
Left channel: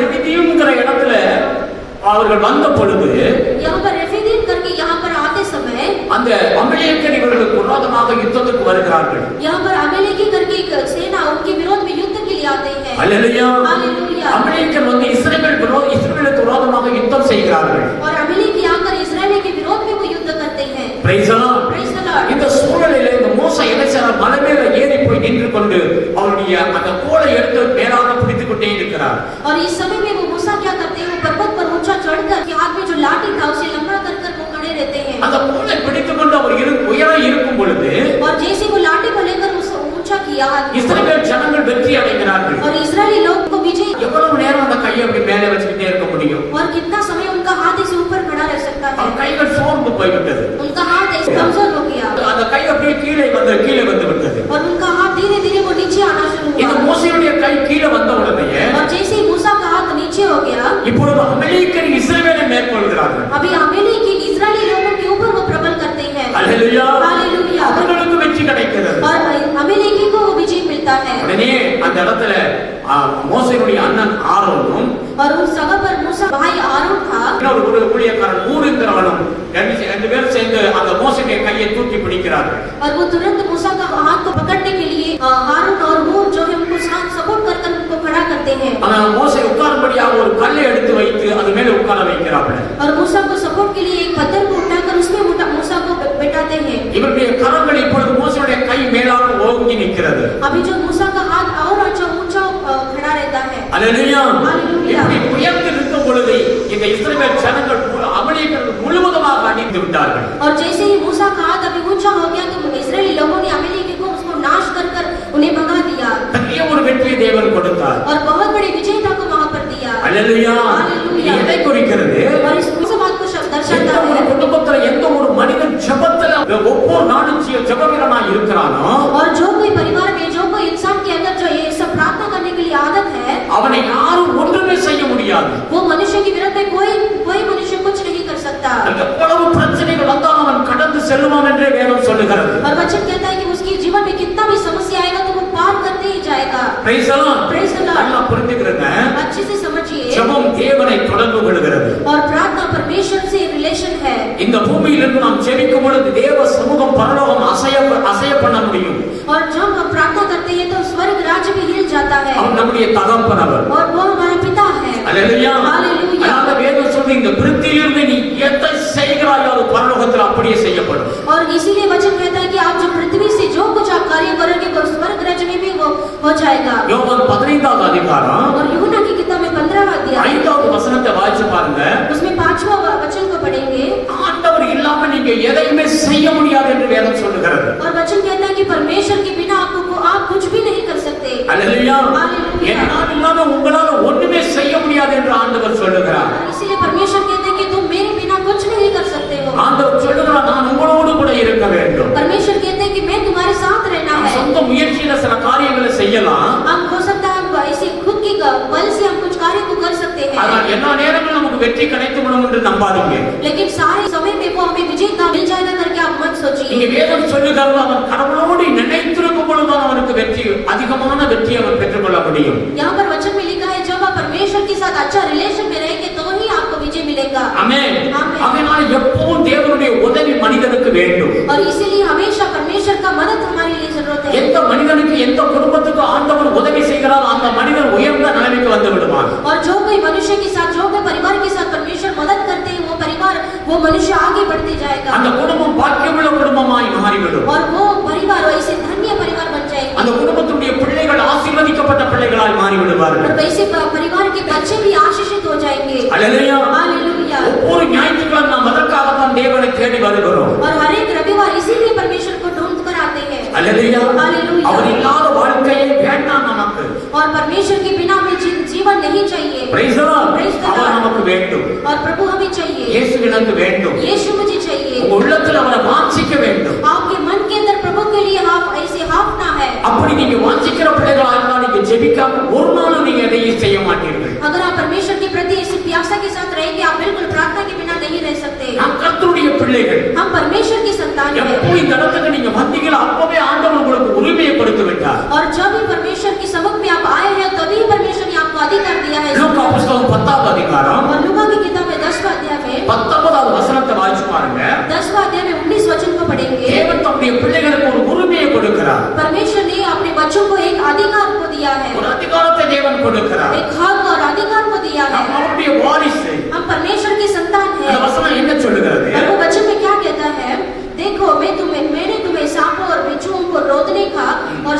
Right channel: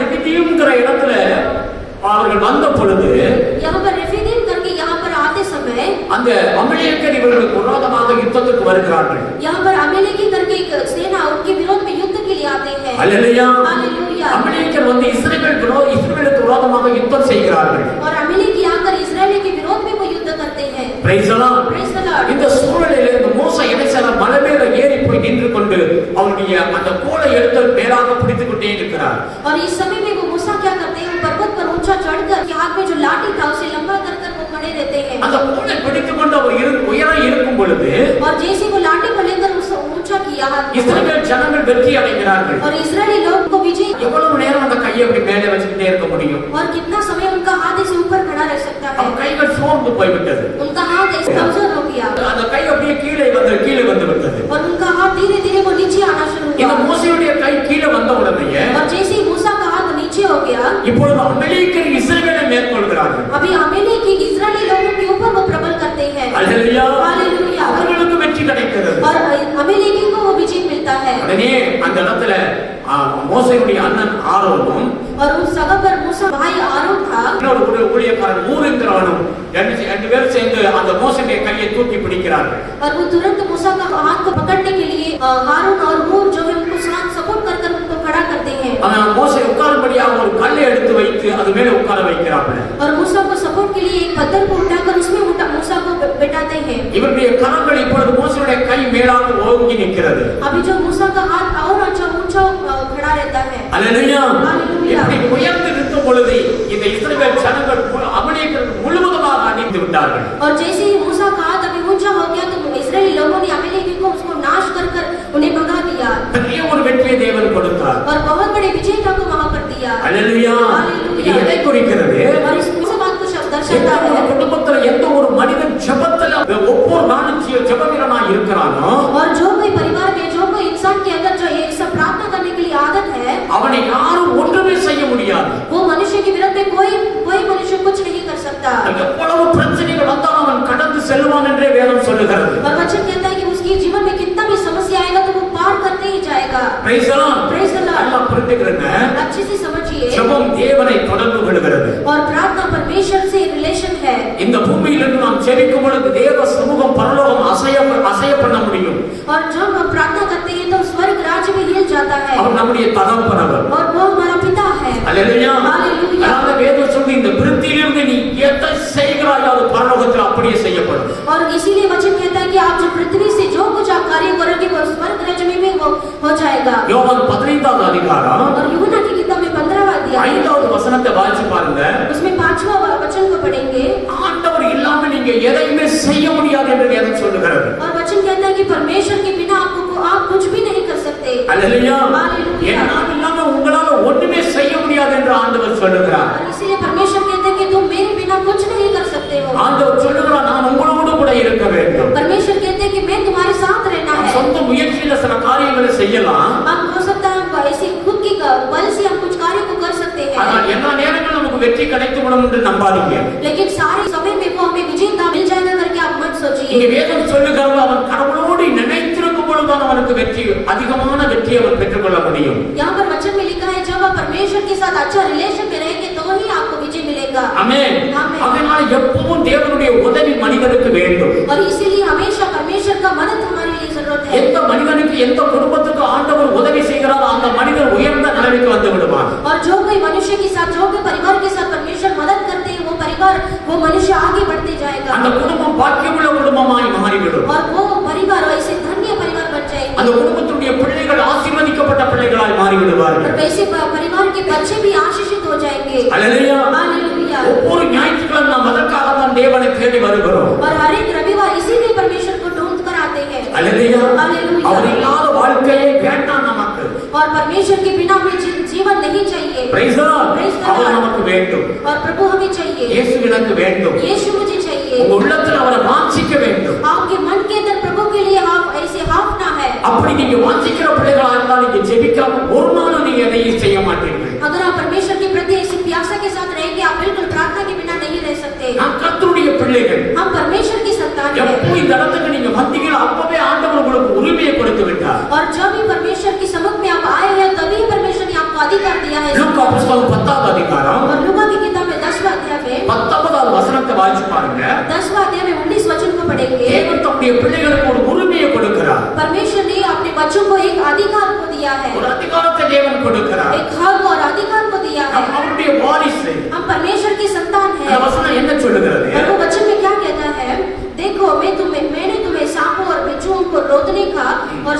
ரெஃபிதீம்ங்கற இடத்துல அவர்கள் வந்த பொழுது यहाँ पर रेफीदीम करके यहाँ पर आते समय அந்த அமலேக்கியர் இவர்களுக்கு விரோதமாக யுத்தத்துக்கு வருகிறார்கள். यहाँ पर अमेलेकी करके एक सेना उनके विरोध में युद्ध के लिए आते हैं. அல்லேலூயா. हालेलुया. அமலேக்கியர் வந்து இஸ்ரவேலுக்கு விரோதமாக யுத்தம் செய்கிறார்கள். और अमेलेकी आकर इस्राएल के विरोध में वो युद्ध करते हैं. Praise the Lord. Praise the Lord. இந்த சூழலிலே இந்த மோசே என்ன செய்றார்? மலை மேல ஏறி போய் நின்று கொண்டு அவருடைய அந்த கோலை எடுத்து மேலாக பிடித்துக் கொண்டே இருக்கிறார். और इस समय में वो मूसा क्या करते हैं? पर्वत पर ऊंचा चढ़कर हाथ में जो लाठी था उसे लंबा कर वो खड़े रहते हैं. அந்த கோலை பிடித்துக் கொண்டு அவர் உயரம் இருக்கும் பொழுது और जैसे वो लाठी को लेकर उसे ऊंचा किया இஸ்ரவேல் ஜனங்கள் வெற்றி அடைகிறார்கள். और इस्राएली लोग को विजय. எவ்வளவு நேரம் அந்த கையை அப்படி மேலே வச்சுக்கிட்டே இருக்க முடியும்? और कितना समय उनका हाथ इसे ऊपर खड़ा रह सकता है? அவர் கைகள் சோர்ந்து போய்விட்டது. उनका हाथ ऐसे कमजोर हो गया அந்த கை அப்படியே கீழே வந்து விட்டது. और उनका हाथ धीरे धीरे वो नीचे आना शुरू இந்த हुआ. மோசேயுடைய கை கீழே வந்த உடனே और जैसे ही मूसा का हाथ नीचे हो गया இப்பொழுது அமலேக்கியர் இஸ்ரவேலை மேற்கொள்கிறார்கள். अभी अमेलेकी इस्राएली लोगों के ऊपर वो प्रबल करते हैं. அல்லேலூயா. हालेलुया. அவர்களுக்கு வெற்றி கிடைக்கிறது. और अमेलेकी को वो विजय मिलता है. உடனே அந்த இடத்துல மோசேயுடைய அண்ணன் ஆரோனும் और उस जगह पर मूसा भाई आरोन था. இன்னொரு ஊழியக்காரன் ஊரின்றவனும் ரெண்டு பேர் சேர்ந்து அந்த மோசேயுடைய கையை தூக்கி பிடிக்கிறார்கள். और वो तुरंत मूसा का हाथ को पकड़ने के लिए हारून और हूर जो है उनको साथ सपोर्ट कर उनको खड़ा करते हैं. அவன் மோசே உட்காரும்படியாக ஒரு கல்லை எடுத்து வைத்து அது மேலே உட்கார வைக்கிறார்கள். और मूसा को सपोर्ट के लिए एक पत्थर को उठाकर उसमें मूसा को बैठाते हैं. இவருடைய கரங்கள் இப்பொழுது மோசேயுடைய கை மேலாக ஓங்கி நிற்கிறது. अभी जो मूसा का हाथ और अच्छा ऊंचा खड़ा रहता है. அல்லேலூயா. हालेलुया. இப்படி உயர்ந்து இருக்கும் பொழுது இந்த இஸ்ரவேல் ஜனங்கள் அமலேக்கியர்கள் முழுவதுமாக அழிந்து விட்டார்கள். और जैसे ही मूसा का हाथ अभी ऊंचा हो गया तो इस्राएली लोगों ने अमेलेकी को उसको नाश कर उन्हें भगा दिया. பெரிய ஒரு வெற்றியை தேவன் கொடுத்தார். और बहुत बड़े विजेता को वहां पर दिया. அல்லேலூயா. இது எதை குறிக்கிறது? और इस बात को दर्शाता है குடும்பத்துல எந்த ஒரு மனிதன் ஜெபத்துல ஒவ்வொரு நாளும் ஜெபவீரனாய் இருக்கிறானோ और जो कोई परिवार में जो कोई इंसान के अंदर जो ये सब प्रार्थना करने के लिए आदत है அவனை யாரும் ஒன்றுமே செய்ய முடியாது. वो मनुष्य के विरोध में कोई मनुष्य कुछ नहीं कर सकता. எவ்வளவு பிரச்சனைகள் வந்தாலும் அவன் கடந்து செல்வான் என்றே வேதம் சொல்லுகிறது. और वचन कहता है कि उसके जीवन में कितना भी समस्या आएगा तो वो पार करते ही जाएगा. Praise the Lord. Praise the Lord. நல்லா புரிஞ்சுக்கிறேங்க. अच्छे से समझिए. ஜெபம் தேவனை தொடர்பு கொள்கிறது. और प्रार्थना परमेश्वर से रिलेशन है. இந்த பூமியிலிருந்து நாம் ஜெபிக்கும் பொழுது தேவ சமூகம் பரலோகம் அசைய பண்ண முடியும். और जब हम प्रार्थना करते हैं तो स्वर्ग राज्य भी हिल जाता है. அவர் நம்முடைய தகப்பனவர். और वो हमारा पिता है. அல்லேலூயா. हालेलुया. அதனால வேதம் சொல்லுது இந்த பிருத்தியிலிருந்து நீ எதை செய்கிறாயோ அது பரலோகத்தில் அப்படியே செய்யப்படும். और इसीलिए वचन कहता है कि आप जो पृथ्वी से जो कुछ आप कार्य करोगे वो स्वर्ग राज्य में भी वो हो जाएगा. யோவான் 15வது அதிகாரம் और यूहन्ना की किताब में 15वां अध्याय 5வது வசனத்தை வாசிச்சு பாருங்க. उसमें 5वां वचन को पढ़ेंगे. ஆண்டவர் இல்லாம நீங்க எதையுமே செய்ய முடியாது என்று வேதம் சொல்லுகிறது. और वचन कहता है कि परमेश्वर के बिना आप कुछ भी नहीं कर सकते. அல்லேலூயா. हालेलुया. என்னால் இல்லாம உங்களால ஒண்ணுமே செய்ய முடியாது என்று ஆண்டவர் சொல்லுகிறார். और इसीलिए परमेश्वर कहते हैं कि तुम मेरे बिना कुछ नहीं कर सकते हो. ஆண்டவர் சொல்லுகிறார் நான் உங்களோடு கூட இருக்க வேண்டும். परमेश्वर कहते हैं कि मैं तुम्हारे साथ रहना है. சொந்த முயற்சியில சில காரியங்களை செய்யலாம். हम हो सकता है हम ऐसे खुद की बल से हम कुछ कार्य को कर सकते हैं. ஆனால் எல்லா நேரங்களிலும் நமக்கு வெற்றி கிடைத்து விடும் என்று நம்பாதீங்க. लेकिन सारे समय में वो हमें विजेता मिल जाएगा करके आप मत இங்க सोचिए. வேதம் சொல்லுகிறது அவன் கடவுளோடு நினைத்திருக்கும் பொழுதுதான் அவனுக்கு வெற்றி அதிகமாக और इसीलिए हमेशा परमेश्वर का मदद हमारे लिए जरूरत है। எந்த மனிதனுக்கு எந்த குடும்பத்துக்கு ஆண்டவர் உதவி செய்கிறாரோ அந்த மனிதன் உயர்ந்த நிலைமைக்கு வந்து விடுவார். और जो कोई मनुष्य के साथ, जो कोई परिवार के साथ परमेश्वर मदद करते हैं, वो परिवार, वो मनुष्य आगे बढ़ते जाएगा அந்த குடும்பம் பாக்கியமுள்ள குடும்பமாய் மாறிவிடும். और वो परिवार ऐसे धन्य परिवार बन जाएगा அந்த குடும்பத்துடைய பிள்ளைகள் ஆசீர்வதிக்கப்பட்ட பிள்ளைகளாய் மாறி விடுவார்கள். और वैसे परिवार के बच्चे भी आशीषित हो जाएंगे। அல்லேலூயா. हालेलुया। ஒவ்வொரு ஞாயிற்றுக்கிழமை நாம் அதற்காக தான் தேவனை தேடி வருகிறோம். और हर एक रविवार इसीलिए परमेश्वर को ढूंढ कर आते हैं। அல்லேலூயா. हालेलुया। அவர் இல்லாத வாழ்க்கையே வேண்டாம் நமக்கு. और परमेश्वर के बिना हमें जीवन नहीं चाहिए। Praise the Lord. அவர் நமக்கு வேண்டும். और प्रभु हमें चाहिए। இயேசு எனக்கு வேண்டும். यीशु मुझे चाहिए। உங்க உள்ளத்தில் அவரை வாஞ்சிக்க வேண்டும். आपके मन के अंदर प्रभु के लिए आप ऐसे हाँफना है। அப்படி நீங்க வாஞ்சிக்கிற பிள்ளைகளா இருந்தா நீங்க ஜெபிக்காம ஒரு நாளும் நீங்க எதையும் செய்ய மாட்டீர்கள். अगर आप परमेश्वर के प्रति ऐसी प्यासा के साथ रहेंगे, आप बिल्कुल प्रार्थना के बिना नहीं रह सकते। நாம் கர்த்தருடைய பிள்ளைகள். हम परमेश्वर की संतान हैं। எப்போ இந்த இடத்துக்கு நீங்க வந்தீங்களோ அப்பவே ஆண்டவர் உங்களுக்கு உரிமையை கொடுத்து விட்டார். और जब भी परमेश्वर की समक्ष में आप आए हैं, तभी परमेश्वर ने आपको अधिकार दिया है। லூக்கா புத்தகம் 10வது அதிகாரம் और लूका की किताब में 10वां अध्याय में 19வது வசனத்தை வாசிச்சு பாருங்க. 10वां अध्याय में 19 वचन को पढ़ेंगे। தேவன் தம்முடைய பிள்ளைகளுக்கு ஒரு உரிமையை கொடுக்கிறார். परमेश्वर ने अपने बच्चों को एक अधिकार को दिया है। ஒரு அதிகாரத்தை தேவன் கொடுக்கிறார். एक हक और अधिकार को दिया है। நாம் அவருடைய வாரிசு. हम परमेश्वर की संतान இந்த हैं। வசனம் என்ன சொல்லுகிறது? और वो वचन में क्या कहता है? देखो मैंने तुम्हें सांपों और बिच्छुओं को रोकने का और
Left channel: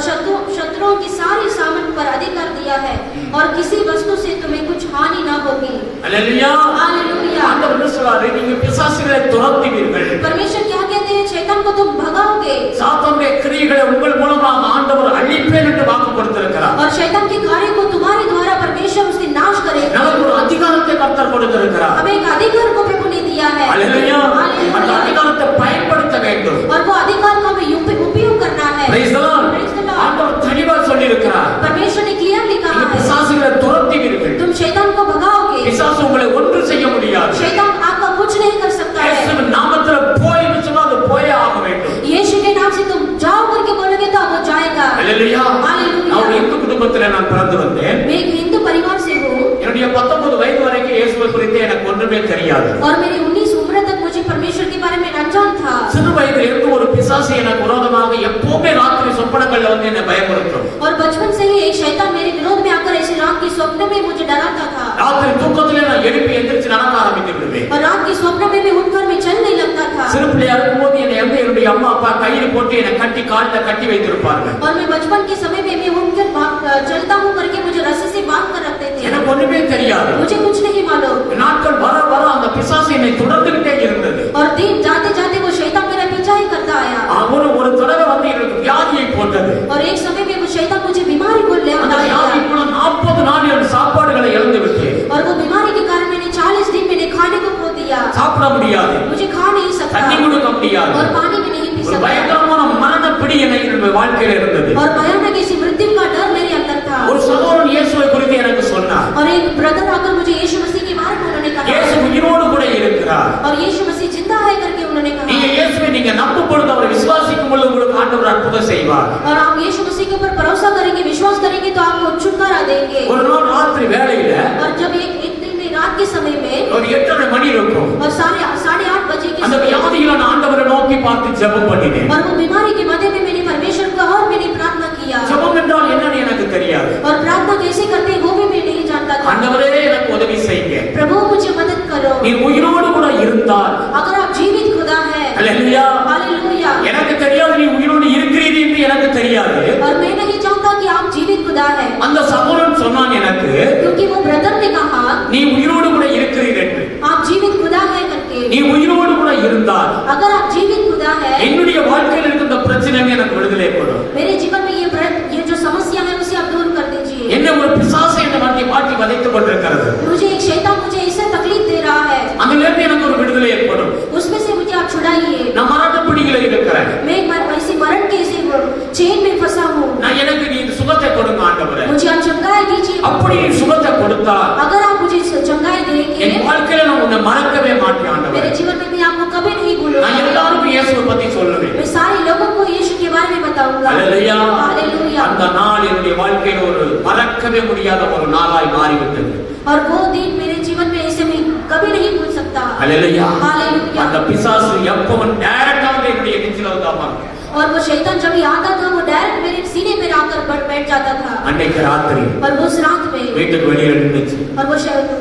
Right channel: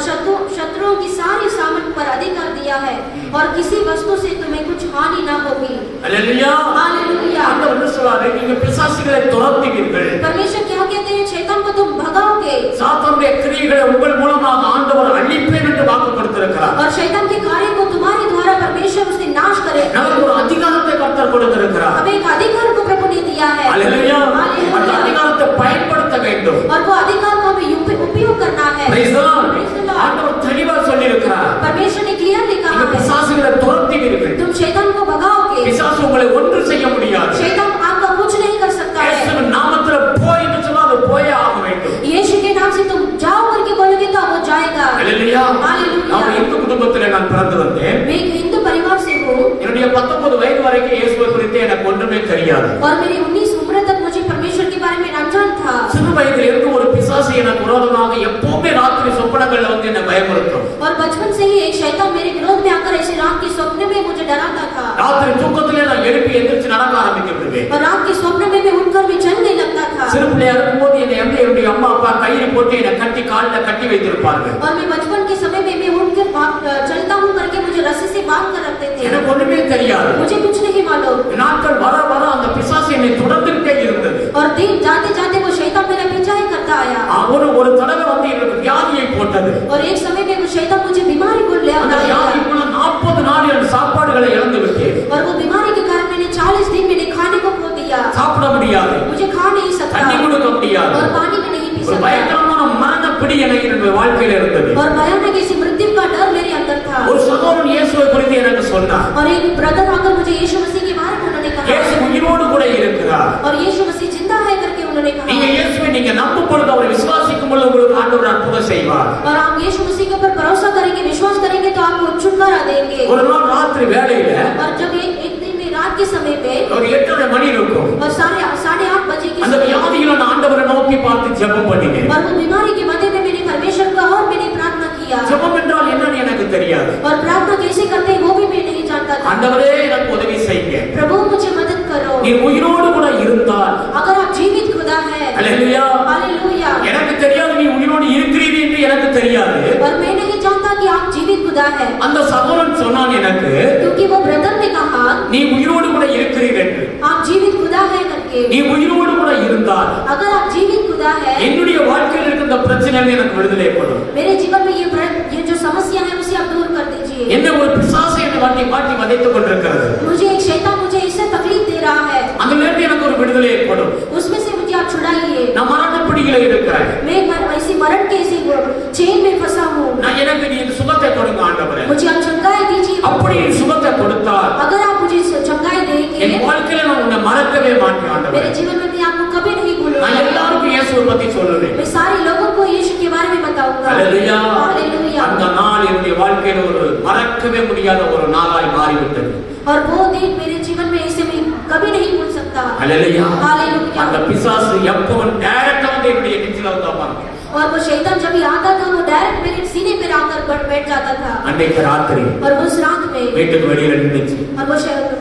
शत्रुओं की सारी सामर्थ पर अधिकार दिया है और किसी वस्तु से तुम्हें कुछ हानि ना होगी। அல்லேலூயா. हालेलुया। ஆண்டவர் என்ன சொல்றாரு? நீங்க பிசாசுகளை துரத்துவீர்கள். परमेश्वर क्या कहते हैं? शैतान को तुम भगाओगे। சாத்தானுடைய கிரியைகளை உங்கள் மூலமாக ஆண்டவர் அழிப்பேன் என்று வாக்கு கொடுத்திருக்கிறார். और शैतान के कार्य को तुम्हारे द्वारा परमेश्वर उसके नाश करेगा। நமக்கு ஒரு அதிகாரத்தை கர்த்தர் கொடுத்திருக்கிறார். हमें एक अधिकार को प्रभु ने दिया है। அல்லேலூயா. அந்த हालेलुया। அதிகாரத்தை பயன்படுத்த வேண்டும். और वो अधिकार को हमें उपयोग करना है। Praise the Lord. Praise the Lord। ஆண்டவர் தெளிவா சொல்லி இருக்கிறார். परमेश्वर ने क्लियरली कहा நீங்க है, பிசாசுகளை துரத்துவீர்கள். तुम शैतान को भगाओगे। பிசாசு உங்களை ஒன்று செய்ய முடியாது. शैतान आपका कुछ नहीं कर सकता है। இயேசுவின் நாமத்தில் போய்ன்னு சொன்னா அது போயே ஆக வேண்டும். यीशु के नाम से तुम जाओ करके बोलोगे तो वो जाएगा। அல்லேலூயா. हालेलुया। நான் இந்து குடும்பத்திலே நான் பிறந்து வந்தேன். मैं एक हिंदू परिवार से हूँ என்னுடைய 19 வயது வரைக்கும் இயேசுவை குறித்து எனக்கு ஒன்றுமே தெரியாது. और मेरी 19 उम्र तक मुझे परमेश्वर के बारे में अनजान था। சிறு வயதிலிருந்து ஒரு பிசாசு எனக்கு விரோதமாக எப்பவுமே ராத்திரி சொப்பனங்கள்ல வந்து என்னை பயமுறுத்தும். और बचपन से ही एक शैतान मेरे विरोध में आकर ऐसे रात के स्वप्न में मुझे डराता था। ராத்திரி தூக்கத்திலே நான் எழுப்பி எந்திரிச்சு நடக்க ஆரம்பித்து விடுவேன். और रात के स्वप्न में मैं उठकर मैं चलने लगता था। சிறு பிள்ளையா இருக்கும்போது என்னுடைய அம்மா அப்பா கையில் போட்டு என்னை கட்டி காலில் கட்டி வைத்திருப்பார்கள். और मैं बचपन के समय में मैं उठकर चलता हूँ करके मुझे रस्सी से बांध कर रखते थे। எனக்கு ஒண்ணுமே தெரியாது. मुझे कुछ नहीं मालूम। நாட்கள் வர வர அந்த பிசாசு என்னை தொடர்ந்துகிட்டே இருந்தது. और दिन जाते जाते वो शैतान मेरा पीछा ही करता आया। ஒரு தடவை வந்து எனக்கு வியாதியை போட்டது. और एक समय में वो शैतान मुझे बीमारी को ले அந்த आया। வியாதி போல 40 நாள் என் சாப்பாடுகளை இழந்து விட்டேன். और वो बीमारी के कारण मैंने 40 दिन मैंने खाने को खो दिया। சாப்பிட முடியாது. मुझे खा नहीं सकता தண்ணி குடிக்க முடியாது. और पानी भी नहीं पी ஒரு सकता। பயங்கரமான மரண பிடி என்னுடைய வாழ்க்கையில இருந்தது. और भयानक ऐसी मृत्यु का डर मेरे अंदर था। ஒரு சகோதரன் இயேசுவை குறித்து எனக்கு சொன்னார். और एक ब्रदर आकर मुझे यीशु मसीह के बारे में उन्होंने कहा இயேசு உயிரோடு கூட இருக்கிறார். और यीशु मसीह जिंदा है करके उन्होंने நீங்க कहा। இயேசுவை நீங்க நம்பும் பொழுது அவரை விசுவாசிக்கும் பொழுது உங்களுக்கு ஆண்டவர் அற்புதம் செய்வார். और आप यीशु मसीह के ऊपर भरोसा करेंगे, विश्वास करेंगे तो आपको छुटकारा देंगे। ஒரு நாள் ராத்திரி வேளையில और जब एक दिन में रात के समय में ஒரு 8:30 மணி இருக்கும். और 8:30 बजे के அந்த समय வியாதியில நான் ஆண்டவரை நோக்கி பார்த்து ஜெபம் பண்ணினேன். और वो बीमारी के मध्य में मैंने परमेश्वर का और मैंने प्रार्थना किया। ஜெபம் என்றால் என்னன்னு எனக்கு தெரியாது. और प्रार्थना कैसे करते हैं वो भी मैं नहीं जानता था। ஆண்டவரே எனக்கு உதவி செய்யுங்க. प्रभु मुझे मदद करो। நீ உயிரோடு கூட இருந்தால் अगर आप जीवित खुदा है। அல்லேலூயா. हालेलुया। எனக்கு தெரியாது நீ உயிரோடு இருக்கிறீர் என்று எனக்கு தெரியாது. और मैं नहीं जानता कि आप जीवित खुदा है। அந்த சகோதரன் சொன்னான் எனக்கு, क्योंकि वो ब्रदर ने कहा நீ உயிரோடு கூட இருக்கிறீர் என்று. आप जीवित खुदा है करके। நீ உயிரோடு கூட இருந்தால் अगर आप जीवित खुदा है, என்னுடைய வாழ்க்கையில் இருந்த பிரச்சனைகள் எனக்கு விடுதலை கொடும். मेरे जीवन में ये जो समस्या है उसे आप दूर कर दीजिए। என்ன ஒரு பிசாசு என்னை வாட்டி வதைத்துக் கொண்டிருக்கிறது. मुझे एक शैतान मुझे ऐसे तकलीफ दे रहा है, அதிலிருந்து எனக்கு ஒரு விடுதலை ஏற்படும். उसमें से मुझे आप छुड़ाइए। நான் மரண பிடியில இருக்கிறேன். मैं ऐसी मरण के ऐसे चेन में फंसा हूँ। நான் எனக்கு நீ சுகத்தை கொடுங்க ஆண்டவரே. मुझे आप चंगाई दीजिए। அப்படி நீ சுகத்தை கொடுத்தால் अगर आप मुझे चंगाई देंगे, என் வாழ்க்கையில நான் உன்னை மறக்கவே மாட்டேன் ஆண்டவரே. मेरे जीवन में मैं आपको कभी नहीं भूलूंगा। நான் எல்லாருக்கும் இயேசுவை பத்தி சொல்லுவேன். मैं सारे लोगों को यीशु के बारे में बताऊंगा। அல்லேலூயா. हालेलुया। அந்த நாள் என்னுடைய வாழ்க்கையில ஒரு மறக்கவே முடியாத ஒரு நாளாய் மாறிவிட்டது. और वो दिन मेरे जीवन में ऐसे मैं कभी नहीं भूल सकता। அல்லேலூயா. हालेलुया। அந்த பிசாசு எப்பவும் டைரக்டா நேரடியாக என்னுடைய நெஞ்சில வந்து அமர்ந்தேன். और वो शैतान जब ही आता था वो डायरेक्ट मेरे सीने पर आकर बैठ जाता था। அன்னைக்கு ராத்திரி और उस रात में வீட்டுக்கு வெளியில நின்னுச்சு. और वो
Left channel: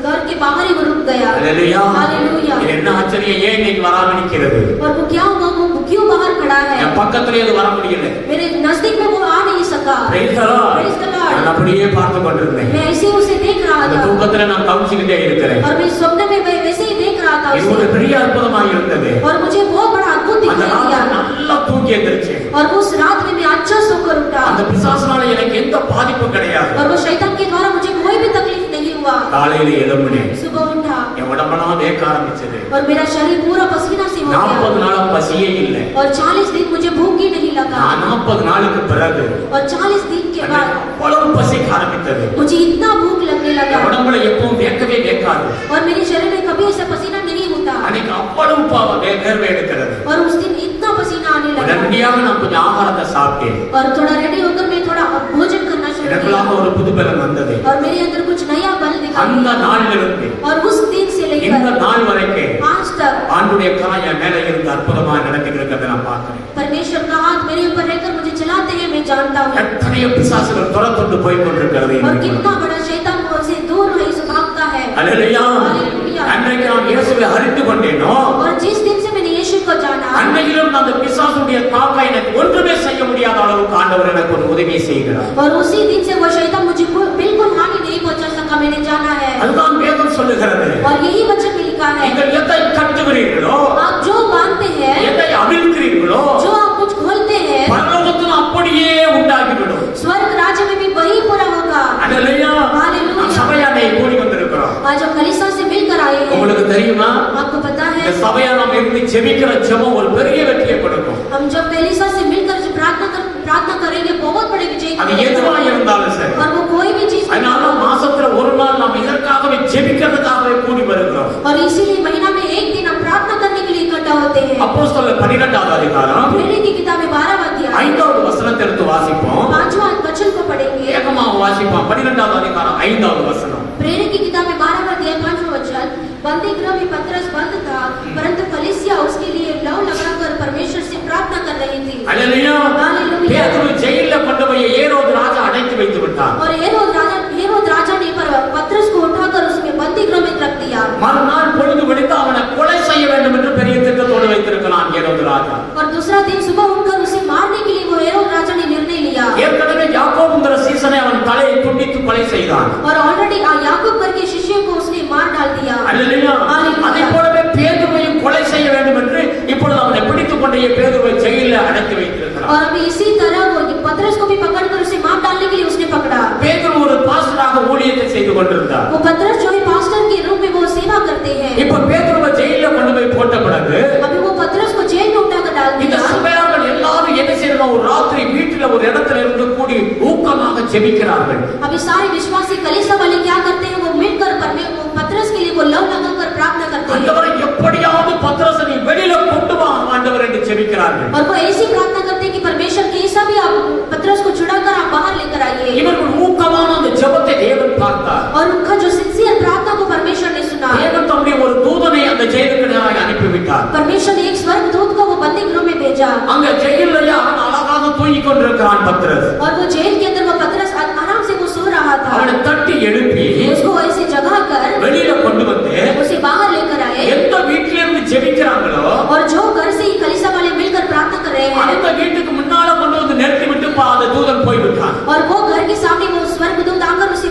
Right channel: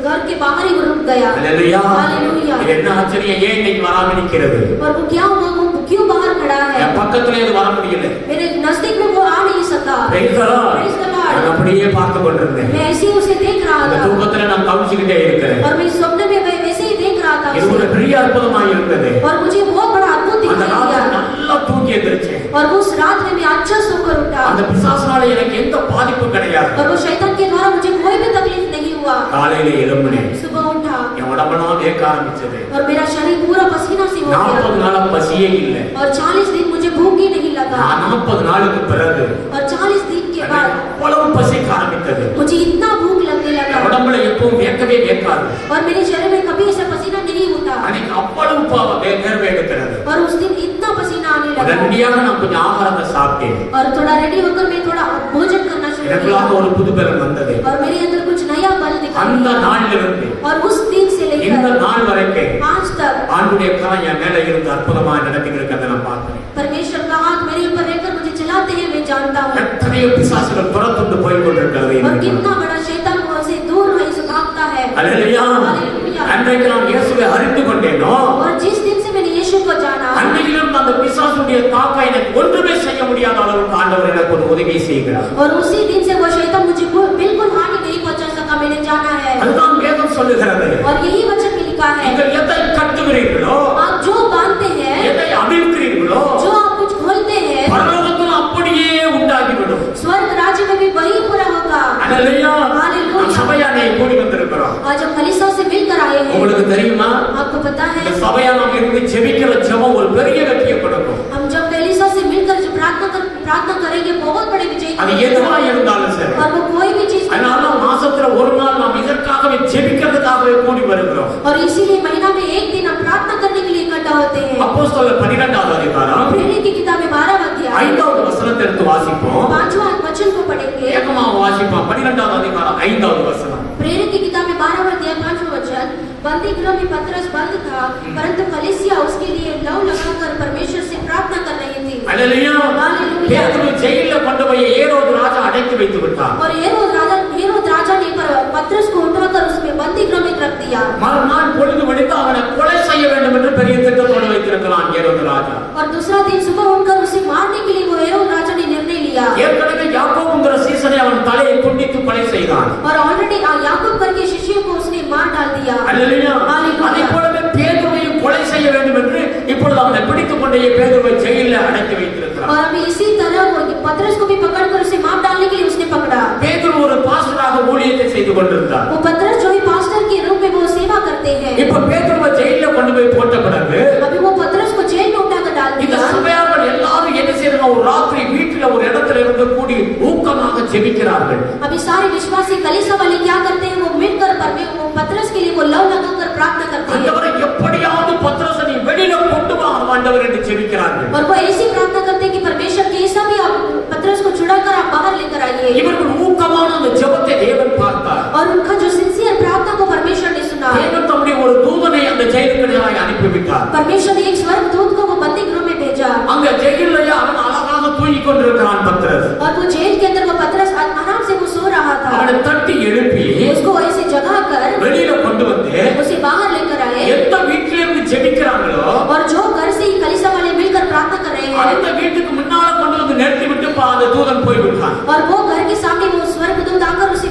घर के बाहर ही रुक गया। Hallelujah hallelujah. இது என்ன ஆச்சரியம், ஏன் இன்னைக்கு வராம நிக்கிறது? और वो क्या हुआ, वो क्यों बाहर खड़ा है? என் பக்கத்துல இது வர முடியல. मेरे नजदीक में वो आ नहीं सका। Praise the Lord. Praise the Lord। நான் அப்படியே பார்த்து கொண்டிருந்தேன். मैं ऐसे उसे देख रहा அந்த था தூக்கத்துல நான் கவிச்சுக்கிட்டே இருக்கிறேன். और मैं सपने में वैसे ही देख रहा था இது ஒரு उसे। பெரிய அற்புதமாக இருந்தது. और मुझे बहुत बड़ा अद्भुत அந்த दिखाई ராத்திரி दिया। நல்லா தூங்கி எந்திரிச்சேன். और उस रात में मैं अच्छा सोकर उठा அந்த பிசாசுனால எனக்கு எந்த பாதிப்பும் கிடையாது. और वो शैतान के द्वारा मुझे कोई भी तकलीफ नहीं हुआ। காலையில எழும்பினேன். सुबह उठा என் உடம்பெல்லாம் வேர்க்க ஆரம்பிச்சது. और मेरा शरीर पूरा पसीना से हो 40 गया நாளா பசியே இல்லை. और 40 दिन मुझे भूख ही नहीं लगा। 40 நாளுக்கு பிறகு और 40 दिन के बाद அவ்வளவு பசிக்க ஆரம்பித்தது. मुझे इतना भूख लगने என் लगा உடம்புல எப்பவும் வேர்க்கவே வேர்க்காது. और मेरे शरीर में कभी ऐसा पसीना नहीं होता। அன்னைக்கு அவ்வளவு வேர்வை எடுக்கிறது. और उस दिन इतना पसीना आने लगा உடனடியாக நான் கொஞ்சம் ஆகாரத்தை சாப்பிட்டேன். और थोड़ा रेडी होकर मैं थोड़ा भोजन करना शुरू எனக்குள்ளாக किया ஒரு புது பலம் வந்தது. और मेरे अंदर कुछ नया बल दिखाई அந்த दिया। நாளிலிருந்து और उस दिन से இந்த लेकर நாள் வரைக்கும் आज तक ஆண்டுடைய கரம் என் மேல இருந்து அற்புதமா நடந்துட்டு இருக்கிறத நான் பார்க்கிறேன். परमेश्वर का हाथ मेरे ऊपर रहकर मुझे चलाते हैं, मैं जानता हूँ। எத்தனையோ பிசாசுகள் துரத்துண்டு போய் கொண்டிருக்கிறது. और कितना बड़ा शैतान हमसे दूर नहीं भागता है। அல்லேலூயா. हालेलुया। அன்றைக்கு நான் இயேசுவை அறிந்து கொண்டேனோ और जिस दिन से मैंने यीशु को जाना அன்னையிலிருந்து அந்த பிசாசுடைய தாக்கம் எனக்கு ஒன்றுமே செய்ய முடியாத அளவுக்கு ஆண்டவர் எனக்கு ஒரு உதவி செய்கிறார். और उसी दिन से वो शैतान मुझे बिल्कुल हानि नहीं पहुंचा सका। मैंने जाना है அதுதான் வேதம் சொல்லுகிறது. और यही वचन में लिखा है நீங்கள் எதை கட்டுகிறீர்களோ आप जो बांधते हैं, எதை அவிழ்க்கிறீர்களோ जो आप कुछ खोलते हैं, பரலோகத்தில் அப்படியே உண்டாகிவிடும். स्वर्ग राज्य में भी वही पूरा होगा। அல்லேலூயா. हालेलुया। நாம் சபையானை கூடி வந்திருக்கிறோம். आज हम कलीसिया से मिलकर आए हैं। உங்களுக்கு தெரியுமா, आपको पता है இந்த சபையா நாம் இருந்து ஜெபிக்கிற ஜெபம் ஒரு பெரிய வெற்றியை கொடுக்கும். हम जब कलीसिया से मिलकर जो प्रार्थना करेंगे बहुत बड़े विजय அது की எதுவா இருந்தாலும் சரி. और वो कोई भी चीज அதனால மாசத்துல ஒரு நாள் நாம் இதற்காகவே ஜெபிக்கிறதுக்காகவே கூடி வருகிறோம். और इसीलिए महीना में एक दिन हम प्रार्थना करने के लिए इकट्ठा होते हैं। அப்போஸ்தலர் 12வது அதிகாரம் प्रेरित की किताबें 12वां अध्याय 5வது வசனத்தை எடுத்து வாசிப்போம். 5वां वचन को पढ़ेंगे। வேகமாக வாசிப்போம். 12வது அதிகாரம் 5வது வசனம். प्रेरित की किताबें 12वां अध्याय 5वां वचन। बंदी गृह में पतरस बंद था, परंतु कलीसिया उसके लिए लौ लगाकर परमेश्वर से प्रार्थना कर रही थी। அல்லேலூயா. हालेलुया। பேதுரு ஜெயில்ல கொண்டு போய் ஏரோது ராஜா அடைத்து வைத்து விட்டார். और हेरोद राजा ने पतरस को उठाकर उसमें बंदी गृह में रख दिया। மறுநாள் பொழுது வெடித்து அவனை கொலை செய்ய வேண்டும் என்று பெரிய திட்டத்தோடு வைத்திருக்கலாம் ஏரோது ராஜா. और दूसरा दिन सुबह उठकर उसे मारने के लिए वो हेरोद राजा ने निर्णय लिया। ஏற்கனவே யாக்கோபுங்கிற சீசனை அவன் தலையை துண்டித்து கொலை செய்தான். और ऑलरेडी याकूब करके शिष्यों को उसने मार डाल दिया। அல்லேலூயா. हालेलुया। அதே போலவே பேதுருவையும் கொலை செய்ய வேண்டும் என்று இப்பொழுது அவனை பிடித்துக் கொண்டு பேதுருவை ஜெயிலில் அடைத்து வைத்திருக்கிறார். और अभी इसी तरह वो पतरस को भी पकड़कर उसे मार डालने के लिए उसने पकड़ा। பேதுரு ஒரு பாஸ்டராக ஊழியத்தை செய்து கொண்டிருந்தார். वो पतरस जो है पास्टर के रूप में वो सेवा करते हैं। இப்ப பேதுருவை ஜெயில கொண்டு போய் போட்ட பிறகு अभी वो पतरस को जेल में उठाकर डाल இந்த दिया। சபையார்கள் எல்லாரும் என்ன செய்யறாங்க, ஒரு ராத்திரி வீட்டுல ஒரு இடத்துல இருந்து கூடி ஊக்கமாக ஜெபிக்கிறார்கள். अभी सारे विश्वासी कलीसिया वाले क्या करते हैं, वो मिलकर वो पतरस के लिए वो लव लगाकर प्रार्थना करते हैं। ஆண்டவரே எப்படியாவது பத்ரஸை நீ வெளியில கொண்டு வா ஆண்டவரே என்று ஜெபிக்கிறார்கள். और वो ऐसी प्रार्थना करते हैं कि परमेश्वर कैसा भी आप पतरस को छुड़ाकर आप बाहर लेकर आइए। இவர்கள் ஊக்கமான அந்த ஜெபத்தை தேவன் பார்த்தார். और उनका जो सिंसियर प्रार्थना को परमेश्वर ने सुना। தேவன் தம்முடைய ஒரு தூதனை அந்த ஜெயிலுக்கு நேராக அனுப்பிவிட்டார். परमेश्वर ने एक स्वर्गदूत को वो बंदी गृह में भेजा। அங்க ஜெயிலையே அவன் அழகாக தூங்கிக் கொண்டிருக்கிறான் பத்ரஸ். और वो जेल के अंदर वो पतरस आराम से वो सो रहा था। அவனை தட்டி எழுப்பி उसको ऐसे जगा कर வெளியில கொண்டு வந்து उसे बाहर लेकर आए। எந்த வீட்டில இருந்து ஜெபிக்கிறாங்களோ और जो घर से ही कलीसिया वाले मिलकर प्रार्थना कर रहे हैं, அந்த வீட்டுக்கு முன்னால கொண்டு வந்து நிறுத்தி விட்டு அந்த தூதன் போய்விட்டான். और वो घर के सामने वो स्वर्गदूत आकर उसे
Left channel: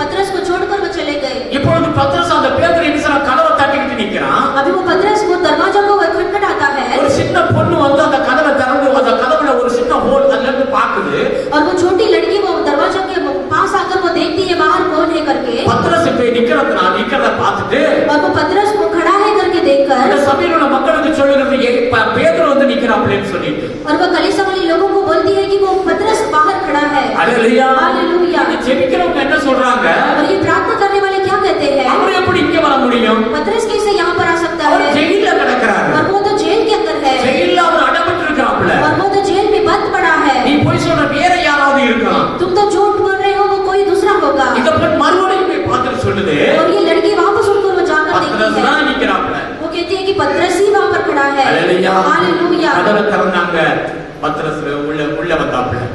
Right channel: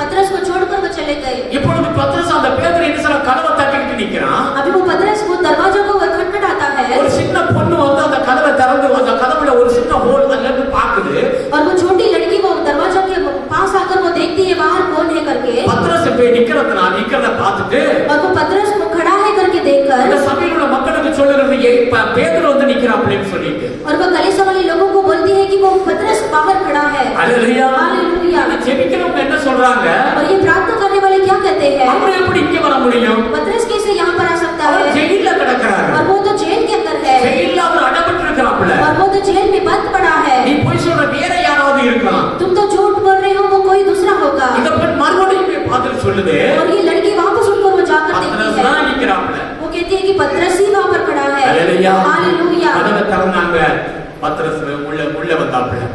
पतरस को छोड़कर वो चले गए। இப்பொழுது பத்ரஸ் அந்த பேதுரு என்ன செய்யற, கதவை தட்டிக்கிட்டு நிக்கிறான். अभी वो पतरस वो दरवाजा को खटखटाता है। ஒரு சின்ன பொண்ணு வந்து அந்த கதவை திறந்து அந்த கதவுல ஒரு சின்ன ஹோல் அதுல இருந்து பாக்குது. और वो छोटी लड़की वो दरवाजा के पास आकर वो देखती है बाहर कौन है करके। பத்ரஸ் போய் நிக்கிறத பார்த்துட்டு और वो पतरस को खड़ा है करके देखकर இந்த சபையில உள்ள மக்களுக்கு சொல்லுகிறது பேதுரு வந்து நிக்கிறான் அப்படின்னு சொல்லிட்டு. और वो कलीसिया वाले लोगों को बोलती है कि वो पतरस बाहर खड़ा है।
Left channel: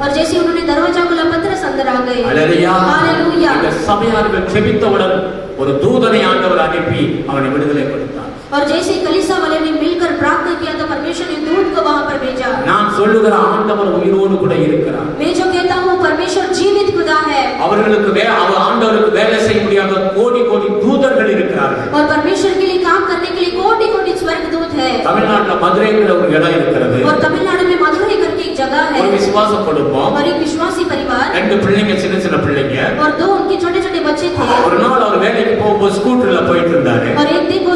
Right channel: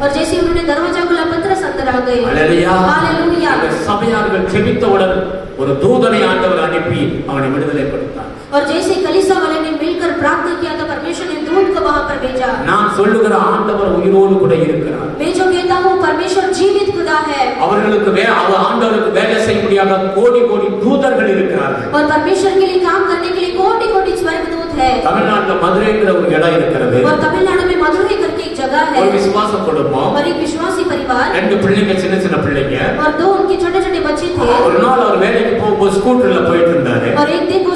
और जैसे उन्होंने दरवाजा खोला पतरस अंदर आ गए। அல்லேலூயா. हालेलूया। இந்த சபையார்கள் ஜெபித்தவுடன் ஒரு தூதனை ஆண்டவர் அனுப்பி அவனை விடுதலைப்படுத்தார். और जैसे कलीसिया वाले ने मिलकर प्रार्थना किया तो परमेश्वर ने दूत को वहां पर भेजा। நான் சொல்லுகிற ஆண்டவர் உயிரோடு கூட இருக்கிறார். मैं जो कहता हूँ परमेश्वर जीवित खुदा है। அவர்களுக்கு அவர் ஆண்டவருக்கு வேலை செய்ய முடியாத கோடி கோடி தூதர்கள் இருக்கிறார்கள். और परमेश्वर के लिए काम करने के लिए कोटि कोटि स्वर्गदूत है। தமிழ்நாட்டுல மதுரைங்கிற ஒரு இடம் இருக்கிறது. और तमिलनाडु में मधुरै करके एक जगह है। ஒரு விசுவாச குடும்பம். और एक विश्वासी परिवार। ரெண்டு பிள்ளைங்க சின்ன சின்ன பிள்ளைங்க. और दो उनके छोटे छोटे बच्चे थे। ஒரு நாள் அவர் வேலைக்கு போகும்போது ஸ்கூட்டர்ல போயிட்டு இருந்தாரு. और एक दिन वो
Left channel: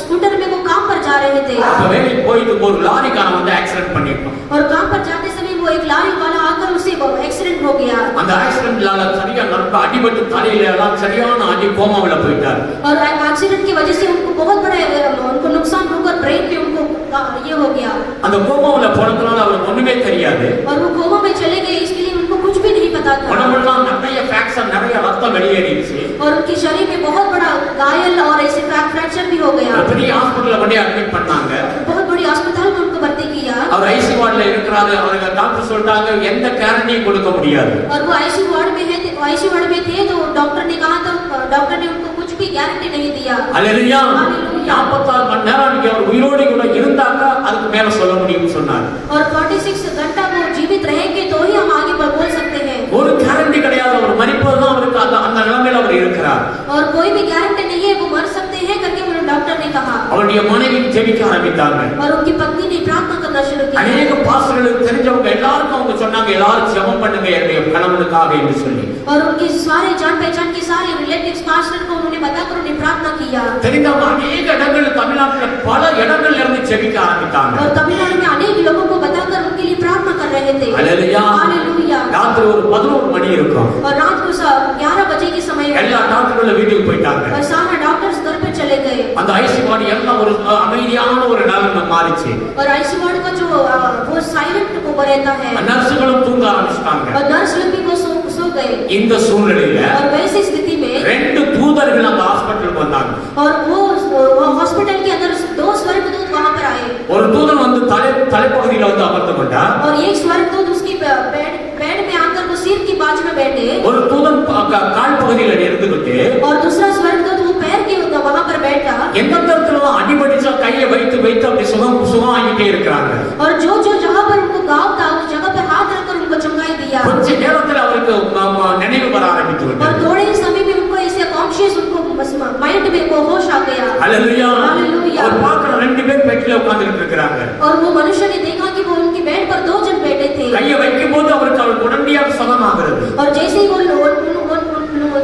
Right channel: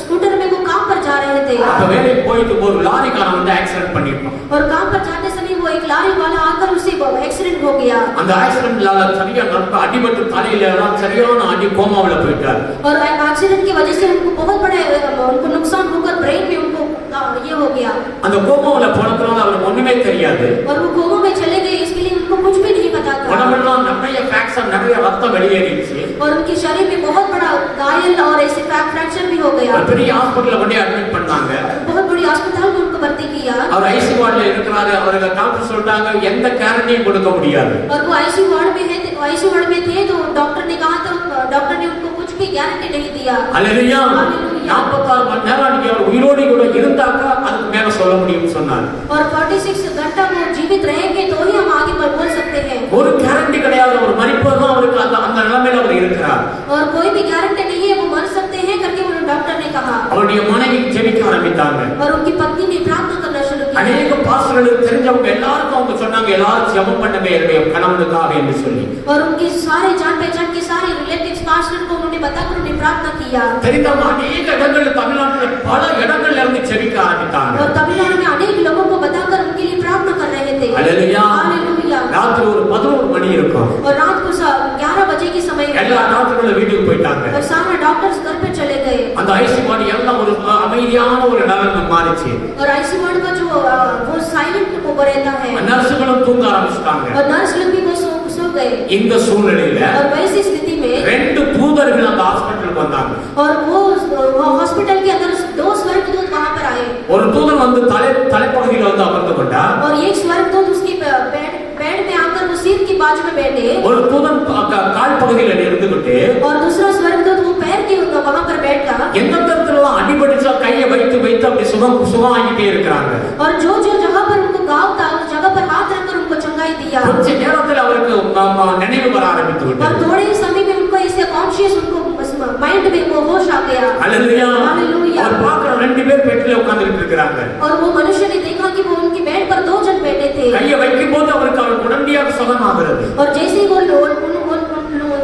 स्कूटर में वो काम पर जा रहे थे। அப்ப வேலைக்கு போயிட்டு ஒரு லாரிக்காரன் வந்து ஆக்சிடென்ட் பண்ணிட்டான். और काम पर जाते समय वो एक लॉरी वाला आकर उसे एक्सीडेंट हो गया। அந்த ஆக்சிடென்ட்லால சரியா நரம்பு அடிபட்டு தலையில சரியான அடி கோமாவுல போயிட்டார். और एक्सीडेंट की वजह से उनको बहुत बड़ा उनको नुकसान होकर ब्रेन में उनको ये हो गया। அந்த கோமாவுல போனதுனால அவருக்கு ஒண்ணுமே தெரியாது. और वो कोमा में चले गए इसके लिए उनको कुछ भी नहीं पता था। உடம்பெல்லாம் நிறைய ஃபிராக்சர் நிறைய ரத்தம் வெளியேறிச்சு. और उनके शरीर में बहुत बड़ा घायल और ऐसे फ्रैक्चर भी हो गया। பெரிய ஹாஸ்பிடல்ல கொண்டு அட்மிட் பண்ணாங்க. बहुत बड़ी अस्पताल में उनको भर्ती किया। அவர் ஐசியூ வார்டுல இருக்கிறாரு. அவங்க டாக்டர் சொல்லிட்டாங்க எந்த கேரண்டியும் கொடுக்க முடியாது. और वो आईसीयू वार्ड में है तो आईसीयू वार्ड में थे तो डॉक्टर ने कहा तो डॉक्टर ने उनको कुछ भी गारंटी नहीं दिया। அல்லேலூயா. 46 மணி நேரம் நீங்க அவர் உயிரோடு கூட இருந்தாக்க அதுக்கு மேல சொல்ல முடியும்னு சொன்னார். और 46 घंटा वो जीवित रहेंगे तो ही हम आगे बोल सकते हैं। ஒரு கேரண்டி கிடையாது. அவர் மரிப்பதுதான் அவருக்கு அந்த நிலைமையில அவர் இருக்கிறார். और कोई भी गारंटी नहीं है वो मर सकते हैं करके वो डॉक्टर ने कहा। அவருடைய மனைவி ஜெபிக்க ஆரம்பித்தாங்க. और उनकी पत्नी ने प्रार्थना करना शुरू किया। अनेक பாஸ்டர்களுக்கு தெரிஞ்சவங்க எல்லாருக்கும் அவங்க சொன்னாங்க எல்லாரும் ஜெபம் பண்ணுங்க என்னுடைய கணவனுக்காக என்று சொல்லி. और उनके सारे जान पहचान के सारे रिलेटिव्स पास्टर को उन्होंने बताकर उन्हें प्रार्थना किया। தெரிந்தவங்க अनेक இடங்கள் தமிழ்நாட்டுல பல இடங்கள்ல இருந்து ஜெபிக்க ஆரம்பித்தாங்க. और तमिलनाडु में अनेक लोगों को बताकर उनके लिए प्रार्थना कर रहे थे। हालेलुया. हालेलुया। ராத்திரி ஒரு 11 மணி இருக்கும். और रात को 11 बजे के समय எல்லா டாக்டர்களும் வீட்டுக்கு போயிட்டாங்க. और सारे डॉक्टर्स घर पे चले गए। அந்த ஐசியூ வார்டு எல்லாம் ஒரு அமைதியான ஒரு நிலைமை மாறிச்சு. और आईसीयू वार्ड का जो वो साइलेंट को रहता है। நர்சுகளும் தூங்க ஆரம்பிச்சிட்டாங்க. और नर्स लोग भी वो सो गए। இந்த சூழ்நிலையில और वैसी स्थिति में ரெண்டு தூதர்கள் அந்த ஹாஸ்பிடலுக்கு வந்தாங்க. और वो हॉस्पिटल के अंदर दो स्वर्गदूत वहां पर आए। ஒரு தூதன் வந்து தலைப்பகுதியில வந்து அமர்ந்து கொண்டார். और एक स्वर्गदूत उसकी बेड में आकर वो सिर की बाजू में बैठे। ஒரு தூதன் கால் பகுதியில இருந்துகிட்டு और दूसरा स्वर्गदूत वो पैर के वहां पर बैठा। எந்த இடத்துல அடிபடிச்சா கையை வைத்து வைத்து அப்படி சுகமாகிட்டே இருக்கிறாங்க. और जो जगह पर उनको घाव था उस जगह पर हाथ रखकर उनको चंगाई दिया। கொஞ்ச நேரத்துல அவருக்கு நினைவு வர ஆரம்பித்து और விட்டது. थोड़े ही समय में उनको ऐसे कॉन्शियस उनको माइंड में वो होश आ गया। हालेलुया. हालेलुया. அவர் பார்க்கற ரெண்டு பேர் பெட்ல உட்கார்ந்துட்டு இருக்காங்க. और वो मनुष्य ने देखा कि वो उनकी बेड पर दो जन बैठे थे। கையை வைக்கும்போது அவருக்கு உடனடியாக சுகமாகிறது. और जैसे ही वो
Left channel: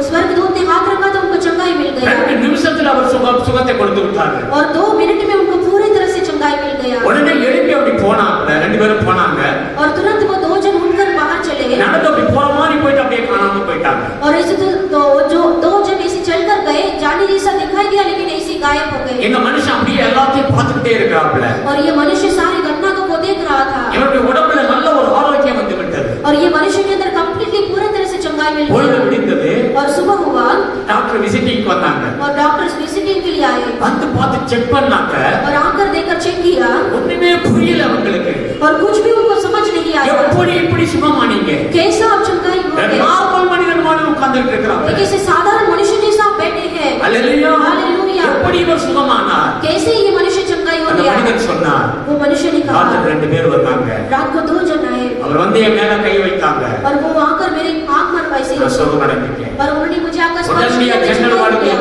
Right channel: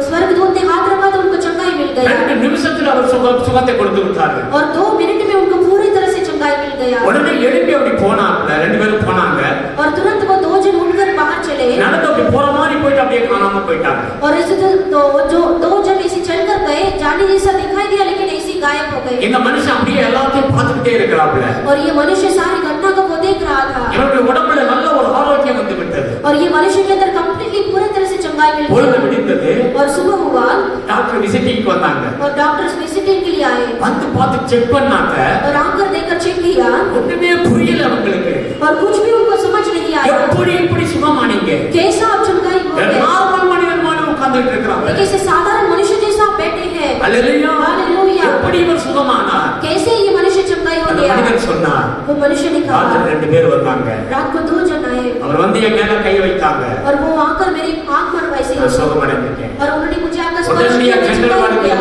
स्वर्गदूत ने हाथ रखा तो उनको चंगाई मिल गई। 2 நிமிஷத்துல அவர் சுகத்தை கொடுத்து விட்டார். और 2 मिनट में उनको पूरी तरह से चंगाई मिल गया। உடனே எழுப்பி அப்படி போனாங்க. ரெண்டு பேரும் போனாங்க. और तुरंत वो दो जन उठकर बाहर चले। நடந்து அப்படி போற மாதிரி போயிட்டு அப்படியே காணாம போயிட்டாங்க. और ऐसे तो जो दो जन ऐसे चलकर गए जाने जैसा दिखाई दिया लेकिन ऐसे गायब हो गए। இந்த மனுஷன் அப்படியே எல்லாத்தையும் பார்த்துட்டே இருக்கிறாப்ல. और ये मनुष्य सारी घटना को वो देख रहा था। இவருடைய உடம்புல நல்ல ஒரு ஆரோக்கியம் வந்து விட்டது. और ये मनुष्य के अंदर कंप्लीटली पूरी तरह से चंगाई मिल பொழுது गई। விடிந்தது. और सुबह हुआ டாக்டர் விசிட்டிங் வந்தாங்க. और डॉक्टर्स विजिटिंग के लिए आए। வந்து பார்த்து செக் பண்ணாங்க. और आकर देखकर चेक किया। ஒண்ணுமே புரியல அவங்களுக்கு. और कुछ भी उनको समझ नहीं आया। எப்படி இப்படி சுகமானீங்க? कैसा आप चंगाई हो गए? நார்மல் மனிதன் மாதிரி உட்கார்ந்துட்டு இருக்காங்க. एक ऐसे साधारण मनुष्य जैसा आप बैठे हैं। அல்லேலூயா. हालेलुया। எப்படி இவர் சுகமானார்? कैसे ये मनुष्य चंगाई हो அந்த गया? மனிதன் சொன்னார். वो मनुष्य ने कहा ராத்திரி ரெண்டு பேர் வந்தாங்க. रात को दो जन आए। அவர் வந்து என் மேல கை வைத்தாங்க. और वो आकर मेरे आंख पर वैसे நான் சுகமடைஞ்சிட்டேன். और उन्होंने मुझे आकर स्पर्श உடனடியா किया।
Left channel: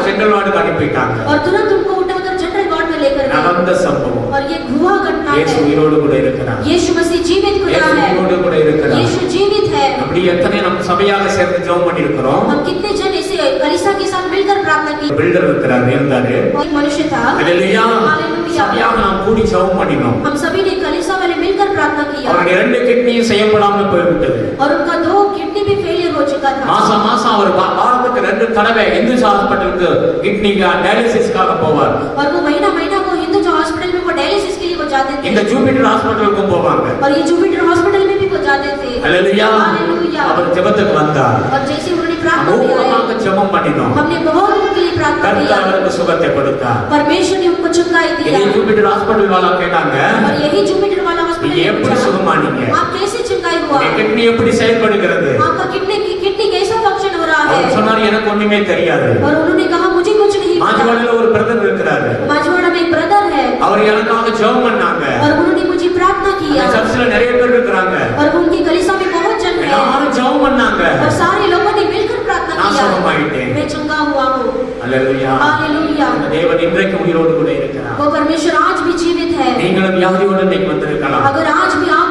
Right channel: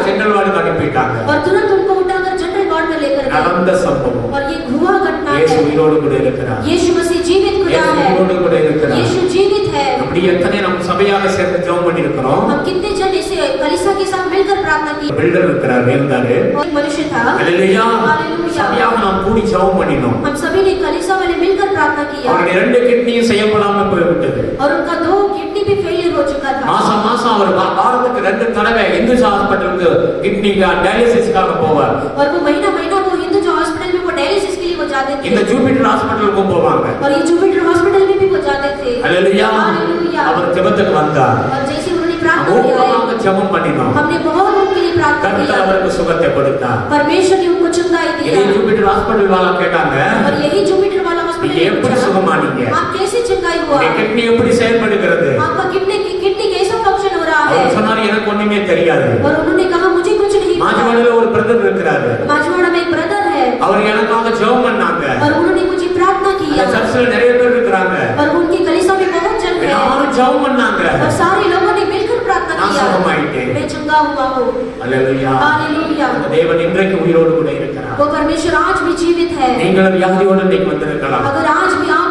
ஜெனரல் வார்டுக்கு அனுப்பிட்டாங்க. और तुरंत उनको उठाकर जनरल वार्ड में लेकर गए। நடந்த சம்பவம். और ये हुआ घटना இயேசு है। உயிரோடு கூட இருக்கிறார். यीशु मसीह जीवित खुदा இயேசு है। உயிரோடு கூட இருக்கிறார். यीशु जीवित है। அப்படி எத்தனை நம்ம சபையாக சேர்ந்து ஜெபம் பண்ணி இருக்கிறோம். हम कितने जन इसे कलीसिया के साथ मिलकर प्रार्थना की। பில்டர் இருக்கிறார் இருந்தாரு. कोई मनुष्य था। அல்லேலூயா. हालेलुया। சபையாக நாம் கூடி ஜெபம் பண்ணினோம். हम सभी ने कलीसिया वाले मिलकर प्रार्थना किया। அவருடைய 2 கிட்னியும் செயல்படாம போய்விட்டது. और उनका 2 किडनी भी फेलियर हो चुका था। மாசம் அவர் வாரத்துக்கு 2 தடவை இந்து ஹாஸ்பிடலுக்கு கிட்னி டயாலிசிஸ்க்காக போவார். और वो महीना को हिंदू जो हॉस्पिटल में वो डायलिसिस के लिए वो जाते थे। இந்த ஜூபிட்டர் ஹாஸ்பிடலுக்கும் போவாங்க. और ये जुपिटर हॉस्पिटल में भी वो जाते थे। அல்லேலூயா. हालेलुया। அவர் ஜெபத்துக்கு வந்தார். और जैसे उन्होंने प्रार्थना மூலமாக किया ஜெபம் பண்ணினோம். हमने बहुत उनके लिए प्रार्थना கர்த்தர் किया। அவருக்கு சுகத்தை கொடுத்தார். परमेश्वर ने उनको चंगाई இதே दिया। ஜூபிட்டர் ஹாஸ்பிடல் வாலா கேட்டாங்க, और यही जुपिटर वाला நீங்க हॉस्पिटल எப்படி சுகமானீங்க? आप कैसे चंगाई हो हुआ। கிட்னி எப்படி செயல்படுகிறது? आपका किडनी कैसा फंक्शन हो रहा है? அவர் சொன்னார் எனக்கு ஒண்ணுமே தெரியாது. और उन्होंने कहा मुझे कुछ नहीं पता। மாஜவாடல ஒரு பிரதர் இருக்கிறாரு. माजवाड़ा में एक ब्रदर है அவர் எனக்காக ஜெபம் பண்ணாங்க. और उन्होंने मुझे प्रार्थना किया। சர்ச்சில நிறைய பேர் இருக்காங்க. और उनकी कलीसिया में बहुत जन है எல்லாரும் ஜெபம் பண்ணாங்க. और सारे लोगों ने मिलकर प्रार्थना நான் किया। சுகமாயிட்டேன். मैं चंगा हुआ हूँ। அல்லேலூயா. हालेलुया। தேவன் இன்றைக்கு உயிரோடு கூட இருக்கிறார். वो परमेश्वर आज भी जीवित है। நீங்களும் வியாதியோடு இன்னைக்கு வந்திருக்கலாம். अगर आज भी आप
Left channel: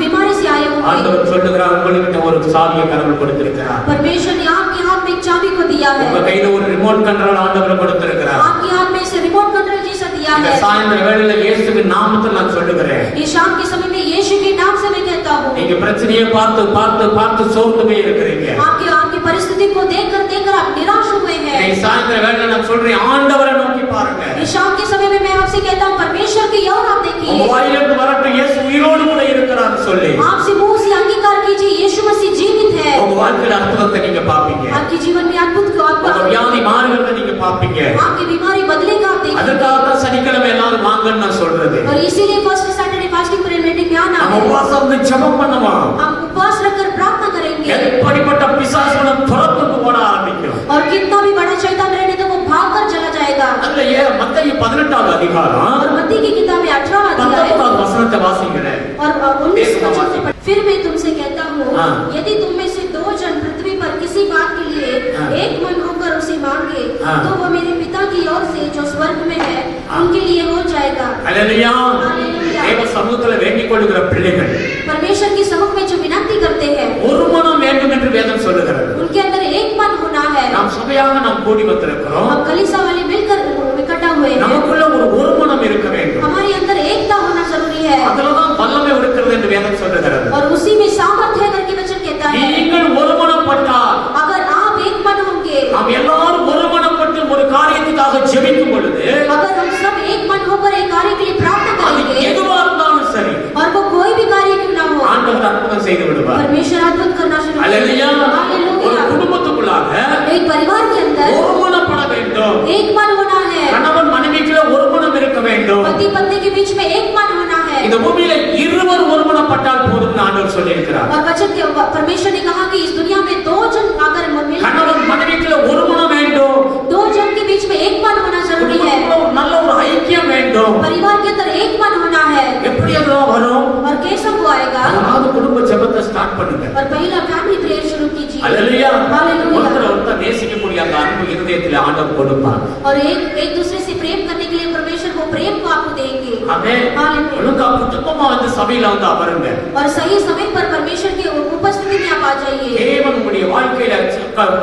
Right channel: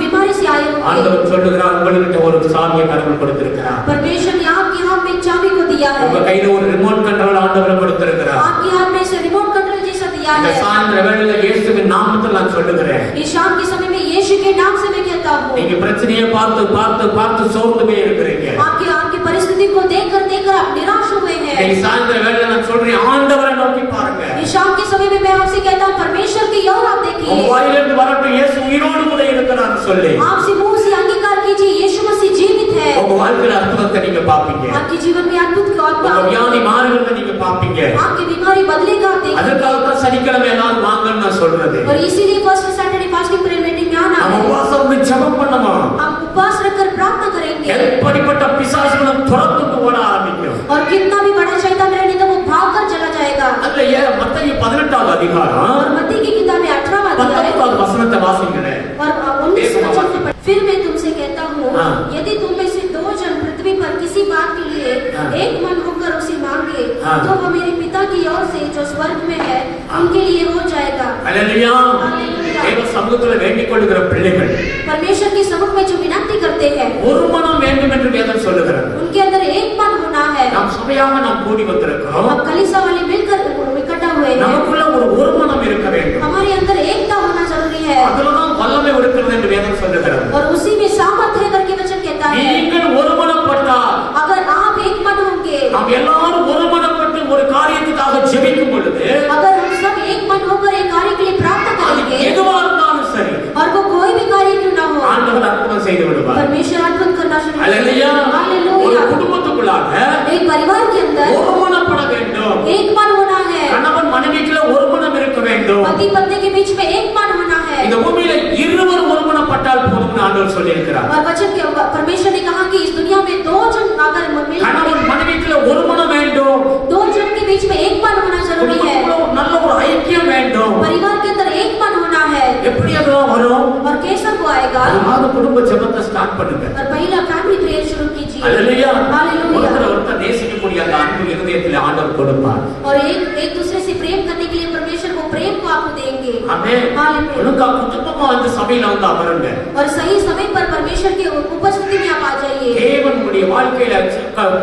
बीमारी से आए हो, ஆண்டவர் சொல்லுகிறார் உங்களுக்கு ஒரு சாவியை கடவுள் கொடுத்திருக்கிறார். परमेश्वर ने आपके हाथ में एक चाबी को दिया है। உங்க கையில ஒரு ரிமோட் கண்ட்ரோல் ஆண்டவர் கொடுத்திருக்கிறார். आपके हाथ में से रिमोट कंट्रोल जैसा दिया இந்த है। சாயந்தர வேளையில இயேசுவின் நாமத்தில் நான் சொல்லுகிறேன். इस शाम के समय में यीशु के नाम से मैं कहता हूँ। நீங்க பிரச்சனையை பார்த்து பார்த்து பார்த்து சோர்ந்து போய் இருக்கிறீங்க. आपकी परिस्थिति को देखकर आप निराश हुए हैं। இந்த சாயந்தர வேளையில நான் சொல்றேன் ஆண்டவரை நோக்கி பாருங்க. इस शाम के समय में मैं आपसे कहता हूँ परमेश्वर की ओर आप देखिए। உங்க வாயிலிருந்து வரட்டும் இயேசு உயிரோடு கூட இருக்கிறார் சொல்லி. आपसे मुंह से अंगीकार कीजिए यीशु मसीह जीवित है। உங்க வாழ்க்கையில அற்புதத்தை நீங்க பாப்பீங்க. आपके जीवन में अद्भुत को உங்க வியாதி மாறுகிறத நீங்க பாப்பீங்க. आपकी बीमारी बदलेगा आप देखेंगे। அதற்காக தான் சனிக்கிழமை எல்லாரும் வாங்கன்னு நான் சொல்றது. और इसीलिए first Saturday fasting prayer meeting में आना நம்ம है। உபவாசம் வந்து ஜெபம் பண்ணுவோம். हम उपवास रखकर प्रार्थना करेंगे எப்படிப்பட்ட பிசாசுகளும் துரத்துக்கு ஓட ஆரம்பிக்கும். और कितना भी बड़ा शैतान रहने तो वो भागकर चला जाएगा। அல்ல மத்தேயு 18வது அதிகாரம் और मत्ती की किताब में 18वां अध्याय 19வது வசனத்தை வாசிக்கிறேன். और 19 वचन से फिर मैं तुमसे कहता हूँ हाँ। यदि तुम में से 2 जन पृथ्वी पर किसी बात के लिए हाँ। एक मन होकर उसे मांगे हाँ। तो वो मेरे पिता की ओर से जो स्वर्ग में है उनके लिए हो जाएगा। அல்லேலூயா. தேவ சமூகத்துல வேண்டிக் கொள்ளுகிற பிள்ளைகள் परमेश्वर की सम्मुख में जो विनती करते हैं ஒரு மனம் வேண்டும் என்று வேதம் சொல்லுகிறது. उनके अंदर एक मन होना है। நாம் சபையாக நாம் கூடி வந்திருக்கிறோம். हम कलीसिया वाले मिलकर इकट्ठा हुए हैं। நமக்குள்ள ஒரு மனம் இருக்க வேண்டும். हमारे अंदर एकता होना जरूरी है அதுலதான் வல்லமை இருக்கிறது என்று வேதம் சொல்லுகிறது. और उसी में सामर्थ्य है करके वचन कहता है। நீங்கள் ஒரு மனப்பட்டால் अगर आप एक मन होंगे, நாம் எல்லாரும் ஒரு மனப்பட்டு ஒரு காரியத்துக்காக ஜெபிக்கும் பொழுது अगर हम सब एक मन होकर एक कार्य के लिए प्रार्थना அது करेंगे எதுவா இருந்தாலும் சரி और वो कोई भी कार्य क्यों ना हो, ஆண்டவர் அற்புதம் செய்து விடுவார். परमेश्वर अद्भुत करना शुरू அல்லேலூயா. करेगा। ஒரு हालेलुया। குடும்பத்துக்குள்ளாக एक परिवार के अंदर ஒரு மனப்பட வேண்டும். एक मन होना है। கணவன் மனைவிக்குள்ள ஒரு மனம் இருக்க வேண்டும். पति पत्नी के बीच में एक मन होना है। இந்த பூமியில இருவர் ஒரு மனப்பட்டால் போதும்னு ஆண்டவர் சொல்லியிருக்கிறார். और वचन के परमेश्वर ने कहा कि इस दुनिया में 2 जन अगर मिलकर கணவன் மனைவிக்குள்ள ஒரு மனம் வேண்டும். 2 जन के बीच में एक मन होना जरूरी है। குடும்பத்துக்குள்ள ஒரு நல்ல ஒரு ஐக்கியம் வேண்டும். परिवार के अंदर एक मन होना है। எப்படி அதெல்லாம் வரும்? और कैसा वो आएगा? அதனால குடும்ப ஜெபத்தை ஸ்டார்ட் பண்ணுங்க. और पहला फैमिली प्रेयर शुरू कीजिए। அல்லேலூயா. हालेलुया। ஒருத்தர் நேசிக்கக்கூடிய அந்த அன்பு இருதயத்தில் ஆண்டவர் கொடுப்பார். और एक दूसरे से प्रेम करने के लिए परमेश्वर वो प्रेम को आपको देंगे। ஆமென். हालेलुया। ஒழுங்கா குடும்பமா வந்து சபையில வந்து அமருங்க. और सही समय पर परमेश्वर के उपस्थिति में आप आ जाइए। தேவன் உங்களுடைய வாழ்க்கையில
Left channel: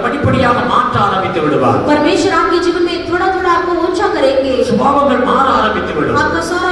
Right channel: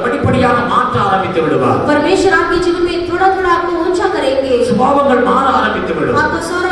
படிப்படியாக மாற்ற ஆரம்பித்து விடுவார். परमेश्वर आपके जीवन में थोड़ा थोड़ा आपको ऊंचा करेंगे। சுபாவங்கள் மாற ஆரம்பித்து விடும். आपका सारा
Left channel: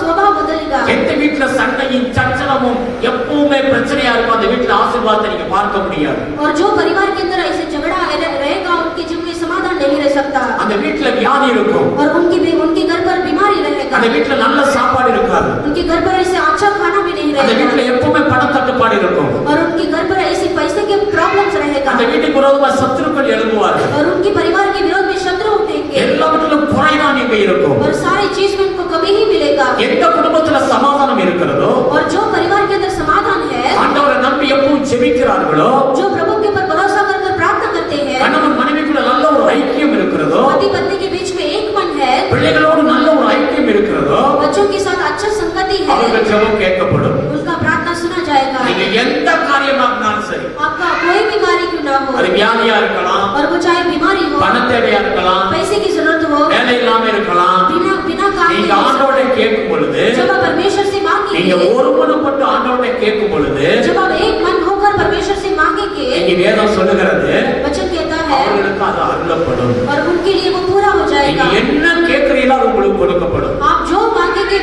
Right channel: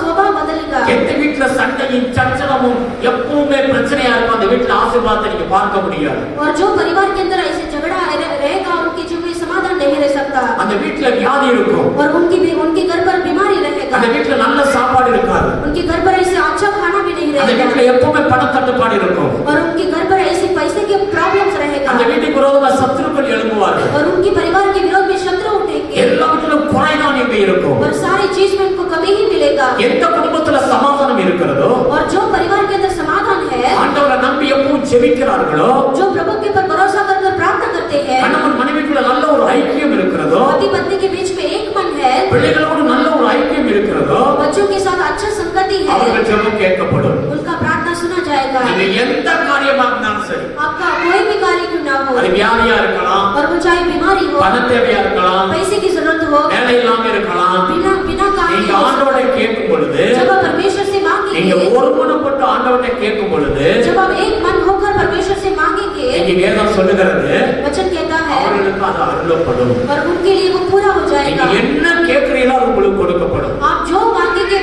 स्वभाव बदलेगा। எந்த வீட்டுல சண்டையும் சச்சரவும் எப்பவுமே பிரச்சனையா இருக்கும் அந்த வீட்டுல ஆசீர்வாதத்தை நீங்க பார்க்க முடியாது. और जो परिवार के अंदर ऐसे झगड़ा रहेगा उनके जीवन में समाधान नहीं रह सकता। அந்த வீட்டுல வியாதி இருக்கும். और उनके घर पर बीमारी रहेगा। அந்த வீட்டுல நல்ல சாப்பாடு இருக்காது. उनके घर पर ऐसे अच्छा खाना भी नहीं அந்த வீட்டுல रहेगा। எப்பவுமே பணத்தட்டுப்பாடு இருக்கும். और उनके घर पर ऐसे पैसे के प्रॉब्लम्स रहेगा। அந்த வீட்டுக்கு விரோதமா சத்துருக்கள் எழும்புவார்கள். और उनके परिवार के विरोध में शत्रु उठेंगे। எல்லாவற்றிலும் குறைதான் இங்க இருக்கும். और सारी चीज में उनको कभी ही मिलेगा। எந்த குடும்பத்துல சமாதானம் இருக்கிறதோ और जो परिवार के अंदर समाधान है, ஆண்டவரை நம்பி எப்பவும் ஜெபிக்கிறார்களோ जो प्रभु के ऊपर भरोसा कर प्रार्थना करते हैं, கணவன் மனைவிக்குள்ள நல்ல ஒரு ஐக்கியம் இருக்கிறதோ पति पत्नी के बीच में एक मन है, பிள்ளைகளோடு நல்ல ஒரு ஐக்கியம் இருக்கிறதோ बच्चों के साथ अच्छा संगति है, அவர்கள் ஜெபம் கேட்கப்படும். उनका प्रार्थना सुना जाएगा। நீங்க எந்த காரியமா இருந்தாலும் சரி आपका कोई भी कार्य क्यों ना हो, அது வியாதியா இருக்கலாம், और वो चाहे बीमारी हो, பண தேவையா இருக்கலாம், पैसे की जरूरत हो, வேலை இல்லாம இருக்கலாம், बिना काम நீங்க के ஆண்டவரை கேட்கும் பொழுது जब आप परमेश्वर से நீங்க मांगेंगे, ஒருமனப்பட்டு ஆண்டவரை கேட்கும் பொழுது जब आप एक मन होकर परमेश्वर से मांगेंगे, நீங்க வேதம் சொல்லுகிறது वचन कहता है அவர்களுக்கு அது அருளப்படும். और उनके लिए वो पूरा हो நீங்க जाएगा। என்ன கேட்கிறீங்களோ அது உங்களுக்கு கொடுக்கப்படும். आप जो मांगेंगे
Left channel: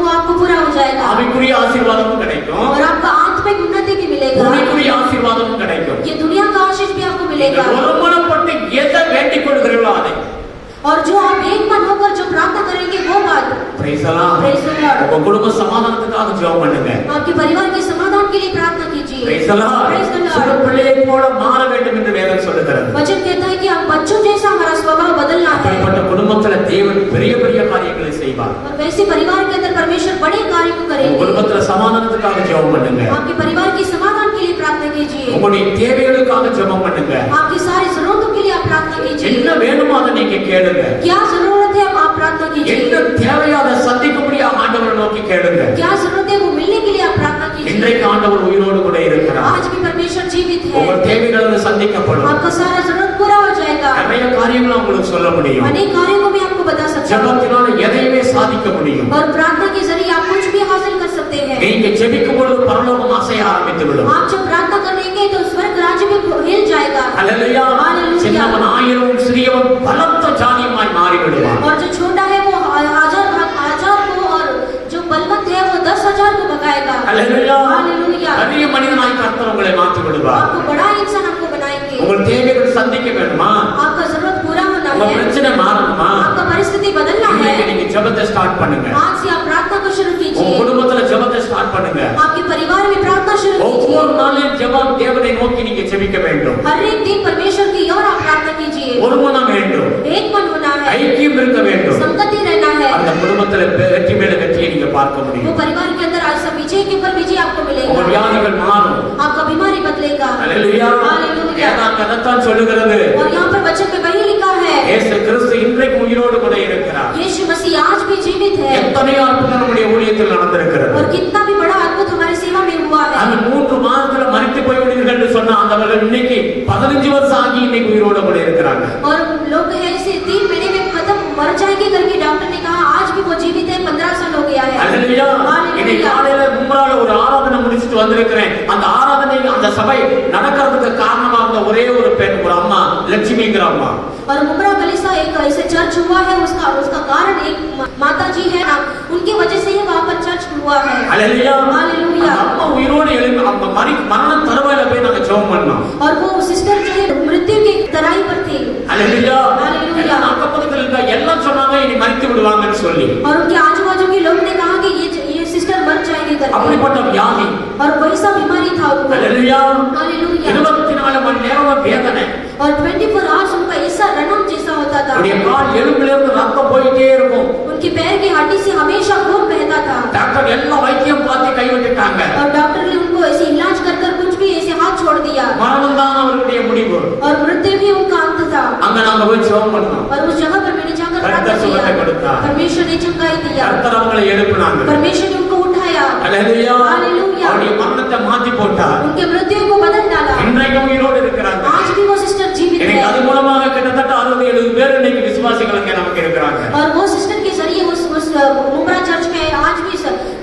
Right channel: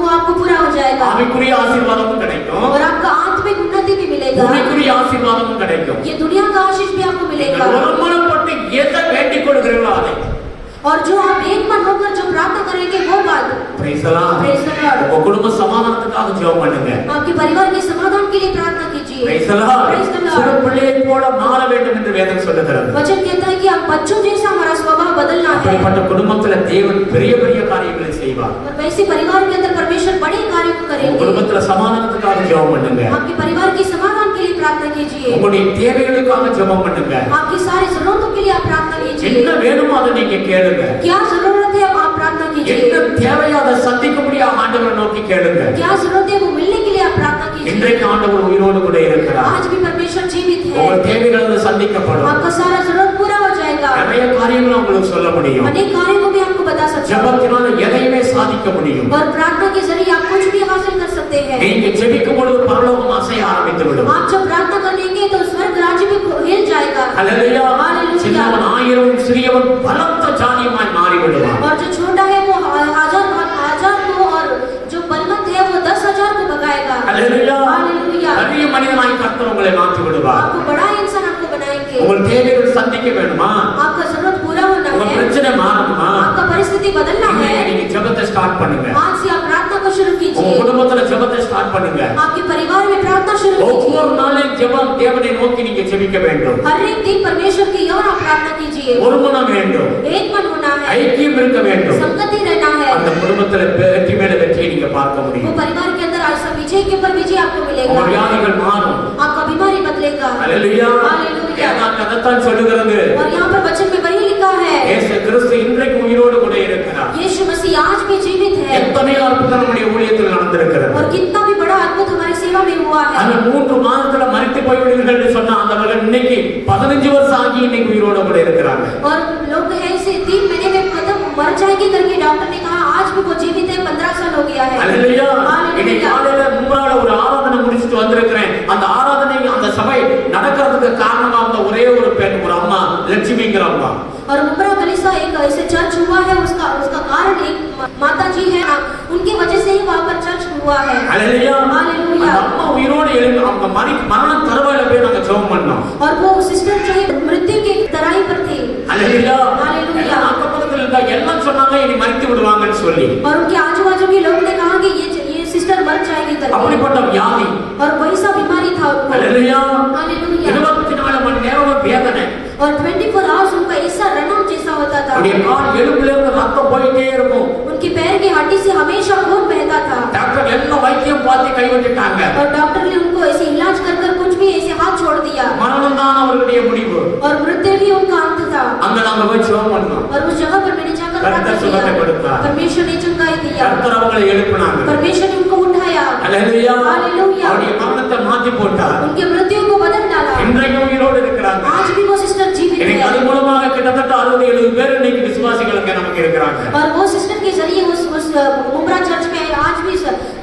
वो आपको पूरा हो जाएगा। ஆவிக்குரிய ஆசீர்வாதமும் கிடைக்கும், और आपका आत्मिक उन्नति भी मिलेगा। பூமிக்குரிய ஆசீர்வாதமும் கிடைக்கும். ये दुनिया का आशीष भी आपको मिलेगा। ஒருமனப்பட்டு எதை வேண்டிக் கொள்கிறீர்களோ அதை और जो आप एक मन होकर जो प्रार्थना करेंगे वो बात। Praise the Lord. Praise the Lord। உங்க குடும்ப சமாதானத்துக்காக ஜெபம் பண்ணுங்க. आपके परिवार के समाधान के लिए प्रार्थना कीजिए। Praise the Lord. Praise the Lord। சிறு பிள்ளையை போல மாற வேண்டும் என்று வேதம் சொல்லுகிறது. वचन कहता है कि आप बच्चों जैसा हमारा स्वभाव बदलना है। அப்படிப்பட்ட குடும்பத்துல தேவன் பெரிய பெரிய காரியங்களை காரியங்களை செய்வார். और वैसे परिवार के अंदर परमेश्वर बड़े कार्य को உங்க करेंगे. குடும்பத்துல சமாதானத்துக்காக ஜெபம் பண்ணுங்க. आपके परिवार के समाधान के लिए प्रार्थना कीजिए. உங்களுடைய தேவைகளுக்காக ஜெபம் பண்ணுங்க. आपकी सारी जरूरतों के लिए आप प्रार्थना कीजिए. என்ன வேணுமோ அதை நீங்க கேளுங்க. क्या जरूरत है आप प्रार्थना कीजिए. என்ன தேவையோ அதை சந்திக்கும்படியா ஆண்டவரை நோக்கி கேளுங்க. क्या जरूरत है वो मिलने के लिए आप प्रार्थना कीजिए. இன்றைக்கு ஆண்டவர் உயிரோடு கூட இருக்கிறார். आज भी परमेश्वर जीवित है. உங்கள் தேவைகள் சந்திக்கப்படும். आपका सारा जरूरत पूरा हो जाएगा. நிறைய காரியங்களை உங்களுக்கு சொல்ல முடியும். अनेक कार्यों को भी आपको बता सकता हूं. ஜெபத்தினால எதையுமே சாதிக்க முடியும். और प्रार्थना के जरिए आप कुछ भी हासिल कर सकते हैं. நீங்க ஜெபிக்கும் பொழுது பரலோகம் அசைய ஆரம்பித்து விடும். आप जब प्रार्थना करेंगे तो स्वर्ग राज्य भी हिल जाएगा. ஹல்லேலூயா. சின்னவன் ஆயிரம் சிறியவன் பலத்த ஜாதியுமாய் மாறி விடுவான். और जो छोटा है वो हजार को और जो बलवंत है वो 10,000 को भगाएगा. ஹல்லேலூயா. हालेलुया. பெரிய மனிதனாய் கர்த்தர் உங்களை மாற்றி விடுவார். आपको बड़ा इंसान आपको बनाएंगे. உங்கள் தேவைகள் சந்திக்க வேண்டுமா? आपका जरूरत पूरा होना உங்க है. பிரச்சனை மாறணுமா? आपका परिस्थिति बदलना है. நீங்க ஜெபத்தை ஸ்டார்ட் பண்ணுங்க. आज से आप प्रार्थना को शुरू உங்க कीजिए. குடும்பத்துல ஜெபத்தை ஸ்டார்ட் பண்ணுங்க. आपके परिवार में प्रार्थना शुरू कीजिए. ஒவ்வொரு நாளும் ஜெபம் தேவனை நோக்கி நீங்க ஜெபிக்க வேண்டும். हर एक दिन परमेश्वर की ओर आप प्रार्थना कीजिए. ஒரு மனம் வேண்டும். एक मन होना है. ஐக்கியம் இருக்க வேண்டும். संगति रहना है. அந்த குடும்பத்துல வெற்றி மேல வெற்றியை நீங்க பார்க்க वो முடியும். परिवार के अंदर ऐसा विजय के ऊपर विजय आपको உங்க मिलेगा. வியாதிகள் மாறும். आपका बीमारी बदलेगा. ஹல்லேலூயா. हालेलुया. வேதம் சொல்லுகிறது. और यहाँ पर वचन में वही लिखा है. இயேசு கிறிஸ்து இன்றைக்கு உயிரோடு கூட இருக்கிறார். यीशु मसीह आज भी जीवित है. எத்தனை அற்புதம் நம்முடைய ஊழியத்தில் நடந்திருக்கிறது. और कितना भी बड़ा अद्भुत हमारी सेवा में हुआ है. அந்த 3 மாதத்துல மரித்து போய்விடுவீர்கள் என்று சொன்ன ஆண்டவர்கள் இன்னைக்கு 15 வருஷம் ஆகி இன்னைக்கு உயிரோடு கூட இருக்கிறாங்க. और लोग ऐसे 3 महीने में खत्म मर जाएंगे करके डॉक्टर ने कहा. आज भी वो जीवित है. 15 साल हो गया है. ஹல்லேலூயா. हालेलुया. இன்னைக்கு காலையில மும்ரால ஒரு ஆராதனை முடிச்சிட்டு வந்திருக்கிறேன். அந்த ஆராதனை அந்த சபை நடக்கிறதுக்கு காரணமா இருந்த ஒரே ஒரு பெண், ஒரு அம்மா, லட்சுமிங்கிற அம்மா. और मुमरा गलीसा एक ऐसे चर्च हुआ है. उसका कारण एक माता जी है. उनकी वजह से ही वहाँ पर चर्च हुआ है. ஹல்லேலூயா. हालेलुया. அந்த அம்மா உயிரோடு எழுந்து அவங்க மரண தருவாயில போய் நாங்க ஜெபம் பண்ணோம். और वो सिस्टर जो है मृत्यु की तराई पर थी. ஹல்லேலூயா. हालेलुया. எல்லாம் அக்கப்பக்கத்துல இருந்தா எல்லாம் சொன்னாங்க இனி மரித்து விடுவாங்கன்னு சொல்லி. और उनके आजू बाजू के लोग ने कहा कि ये सिस्टर मर जाएगी करके. அப்படிப்பட்ட வியாதி. और वैसा बीमारी था उनको. ஹல்லேலூயா. हालेलुया. 24 மணி நேரம் வேதனை. और 24 आवर्स उनका ऐसा रणम जैसा होता था. அப்படியே கால் எலும்புல இருந்து ரத்தம் போயிட்டே இருக்கும். उनके पैर की हड्डी से हमेशा खून बहता था. டாக்டர் எல்லாம் வைத்தியம் பார்த்து கைவிட்டுட்டாங்க. और डॉक्टर ने उनको ऐसे इलाज कर कुछ भी ऐसे हाथ छोड़ दिया. மரணம் தான் அவர்களுடைய முடிவு. और मृत्यु भी उनका अंत था. அங்க நாங்க போய் ஜெபம் பண்ணோம். और उस जगह पर मैंने जाकर கர்த்தர் प्रार्थना சுகத்தை किया. கொடுத்தார். परमेश्वर ने चंगाई दिया. கர்த்தர் அவங்களை எழுப்பினாங்க. परमेश्वर ने उनको उठाया. ஹல்லேலூயா. हालेलुया. அவருடைய மரணத்தை மாத்தி போட்டார். उनके मृत्यु को बदल डाला. இன்றைக்கும் உயிரோடு இருக்கிறாங்க. आज भी वो सिस्टर जीवित எனக்கு அது है. மூலமாக கிட்டத்தட்ட 60-70 பேர் இன்னைக்கு விசுவாசிகள் அங்க நமக்கு இருக்கிறாங்க. और वो सिस्टर के जरिए उस मुमरा चर्च में आज भी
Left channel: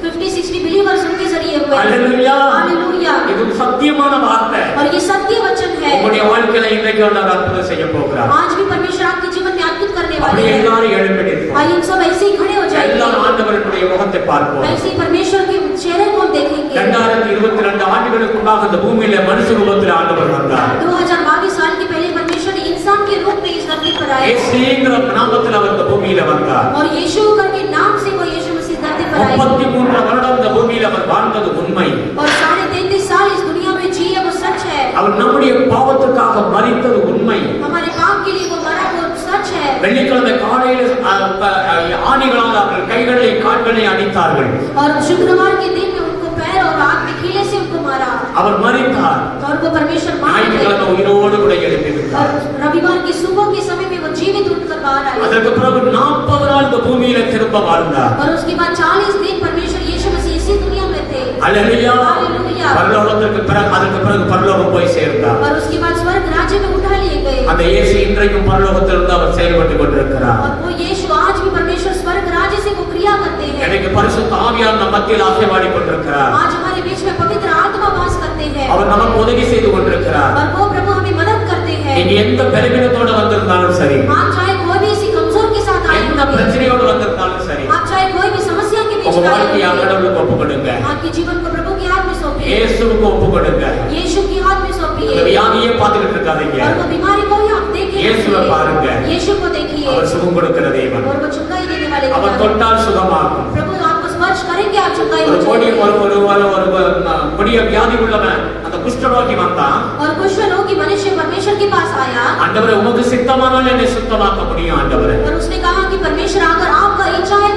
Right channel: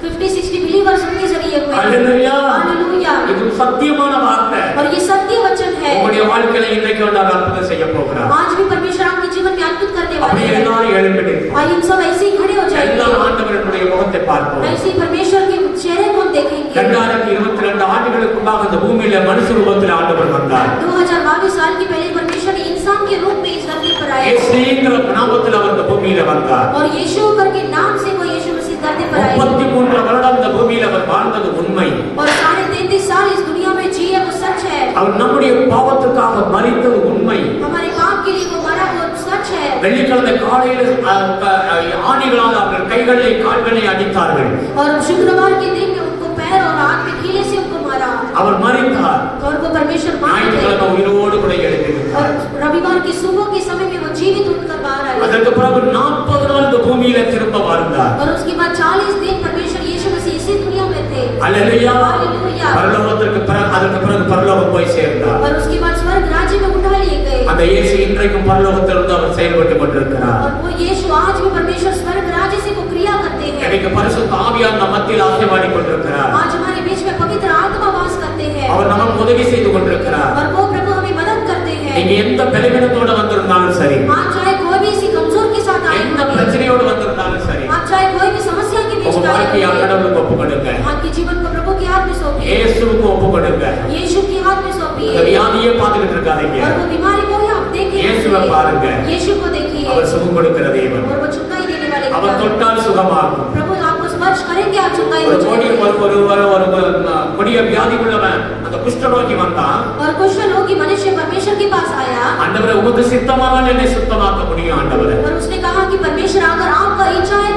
50-60 बिलीवर्स उनके जरिए हुए. ஹல்லேலூயா. हालेलुया. இது சத்தியமான வார்த்தை. और ये सत्य वचन है. உங்களுடைய வாழ்க்கையில இன்றைக்கு ஒரு அற்புதம் செய்ய போகிறார். आज भी परमेश्वर आपके जीवन में अद्भुत करने वाले அப்படியே हैं. எல்லாரும் எழும்பிடுங்க. आइए हम सब ऐसे ही खड़े हो எல்லாரும் जाएंगे. ஆண்டவருடைய முகத்தை பார்ப்போம். ऐसे ही परमेश्वर के चेहरे को हम देखेंगे. 2022 ஆண்டுகளுக்குள்ளாக இந்த பூமியில மனுஷ ரூபத்தில் ஆண்டவர் வந்தார். 2022 साल के पहले परमेश्वर ने इंसान के रूप में इस धरती पर आए. இயேசுங்கிற நாமத்தில் அவர் இந்த பூமியில வந்தார். और यीशु करके नाम से वो यीशु मसीह धरती पर आए. 33 வருடம் இந்த பூமியில அவர் வாழ்ந்தது உண்மை. और 33.5 साल इस दुनिया में जिए वो सच है. அவர் நம்முடைய பாவத்துக்காக மரித்தது உண்மை. हमारे पाप के लिए वो मरा वो सच है. வெள்ளிக்கிழமை காலையில ஆணிகளால் அவர்கள் கைகளை கால்களை அடித்தார்கள். और शुक्रवार के दिन में उनको पैर और हाथ में कीले से उनको मारा. அவர் மரித்தார். और वो परमेश्वर मार ஞாயிற்றுக்கிழமை गए. உயிரோடு கூட और எழுப்பியிருந்தார். रविवार की सुबह के समय में वो जीवित उठकर बाहर आए. அதற்கு பிறகு 40 நாள் இந்த பூமியில திரும்ப வாழ்ந்தார். और उसके बाद 40 दिन परमेश्वर यीशु मसीह इसी दुनिया में थे. ஹல்லேலூயா. हालेलुया. பரலோகத்திற்கு பிறகு அதற்கு பிறகு பரலோகம் போய் சேர்ந்தார். और उसके बाद स्वर्ग राज्य में उठा लिए गए. அந்த இயேசு இன்றைக்கும் பரலோகத்திலிருந்து அவர் செயல்பட்டு கொண்டிருக்கிறார். और वो यीशु आज भी परमेश्वर स्वर्ग राज्य से वो क्रिया करते हैं. எனக்கு பரிசுத்த ஆவியார் நம் மத்தியில் ஆசீர்வாடி கொண்டிருக்கிறார். आज हमारे बीच में पवित्र आत्मा वास करते हैं. அவர் நமக்கு உதவி செய்து கொண்டிருக்கிறார். और वो प्रभु हमें मदद करते हैं. நீங்க எந்த பலவீனத்தோட வந்திருந்தாலும் சரி, आप चाहे कोई भी इसी कमजोर के साथ आए எந்த होंगे, பிரச்சனையோடு வந்திருந்தாலும் சரி, आप चाहे कोई भी समस्या के बीच உங்க में आए வாழ்க்கையை होंगे, கடவுளுக்கு ஒப்பு கொடுங்க. आपके जीवन को प्रभु के हाथ में सौंपिए. இயேசுவுக்கு ஒப்பு கொடுங்க. यीशु के हाथ में இந்த सौंपिए. வியாதியே பார்த்துக்கிட்டு இருக்காதீங்க. और वो बीमारी को ही आप देखें. இயேசுவை பாருங்க. यीशु को देखिए. அவர் சுகம் கொடுக்கிற தேவன். और वो चंगाई देने वाले அவர் खुदा। தொட்டால் சுகமாகும். प्रभु आपको स्पर्श करेंगे आप चंगाई हो ஒரு जाएंगे. கொடிய வியாதி உள்ளவன் அந்த குஷ்டரோகி வந்தான். और कुष्ठ रोगी मनुष्य परमेश्वर के पास आया. ஆண்டவரே உமக்கு சித்தமானால் என்னை சுத்தமாக்க முடியும் ஆண்டவரே. और उसने कहा कि परमेश्वर अगर आपका इच्छा है तो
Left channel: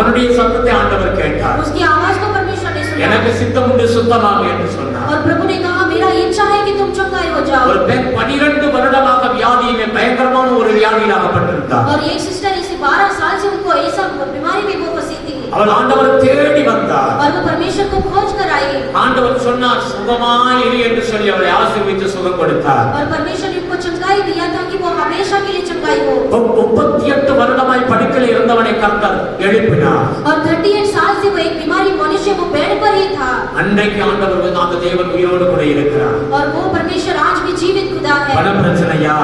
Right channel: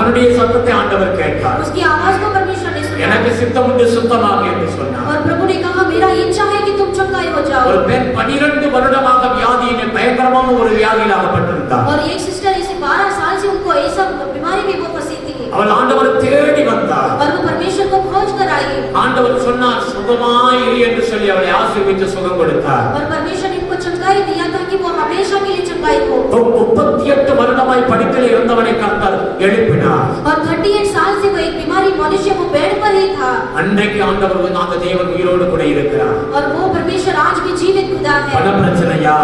அவனுடைய சத்தத்தை ஆண்டவர் கேட்டார். उसकी आवाज को परमेश्वर ने सुना எனக்கு சித்தம் உண்டு, சுத்தமாக என்று சொன்னார். और प्रभु ने कहा मेरा इच्छा है कि तुम चंगाई हो जाओ. ஒரு பெண் 12 வருடமாக வியாதியிலே பயங்கரமான ஒரு வியாதியில் அகப்பட்டிருந்தார். और एक सिस्टर इसे 12 साल से उनको ऐसा बीमारी में वो फंसी थी. அவள் ஆண்டவரை தேடி வந்தார். और वो परमेश्वर को खोज कर आई. ஆண்டவர் சொன்னார் சுகமாய் இரு என்று சொல்லி அவளை ஆசீர்வதித்து சுகம் கொடுத்தார். और परमेश्वर ने उनको चंगाई दिया था कि वो हमेशा के लिए चंगाई हो. 38 வருடமாய் படுக்கையில் இருந்தவனை கர்த்தர் எழுப்பினார். और 38 साल से वो एक बीमारी मनुष्य वो बेड पर ही था. அன்றைக்கு ஆண்டவர் அந்த தேவன் உயிரோடு கூட இருக்கிறார். और वो परमेश्वर आज भी जीवित खुदा है. பண பிரச்சனையா?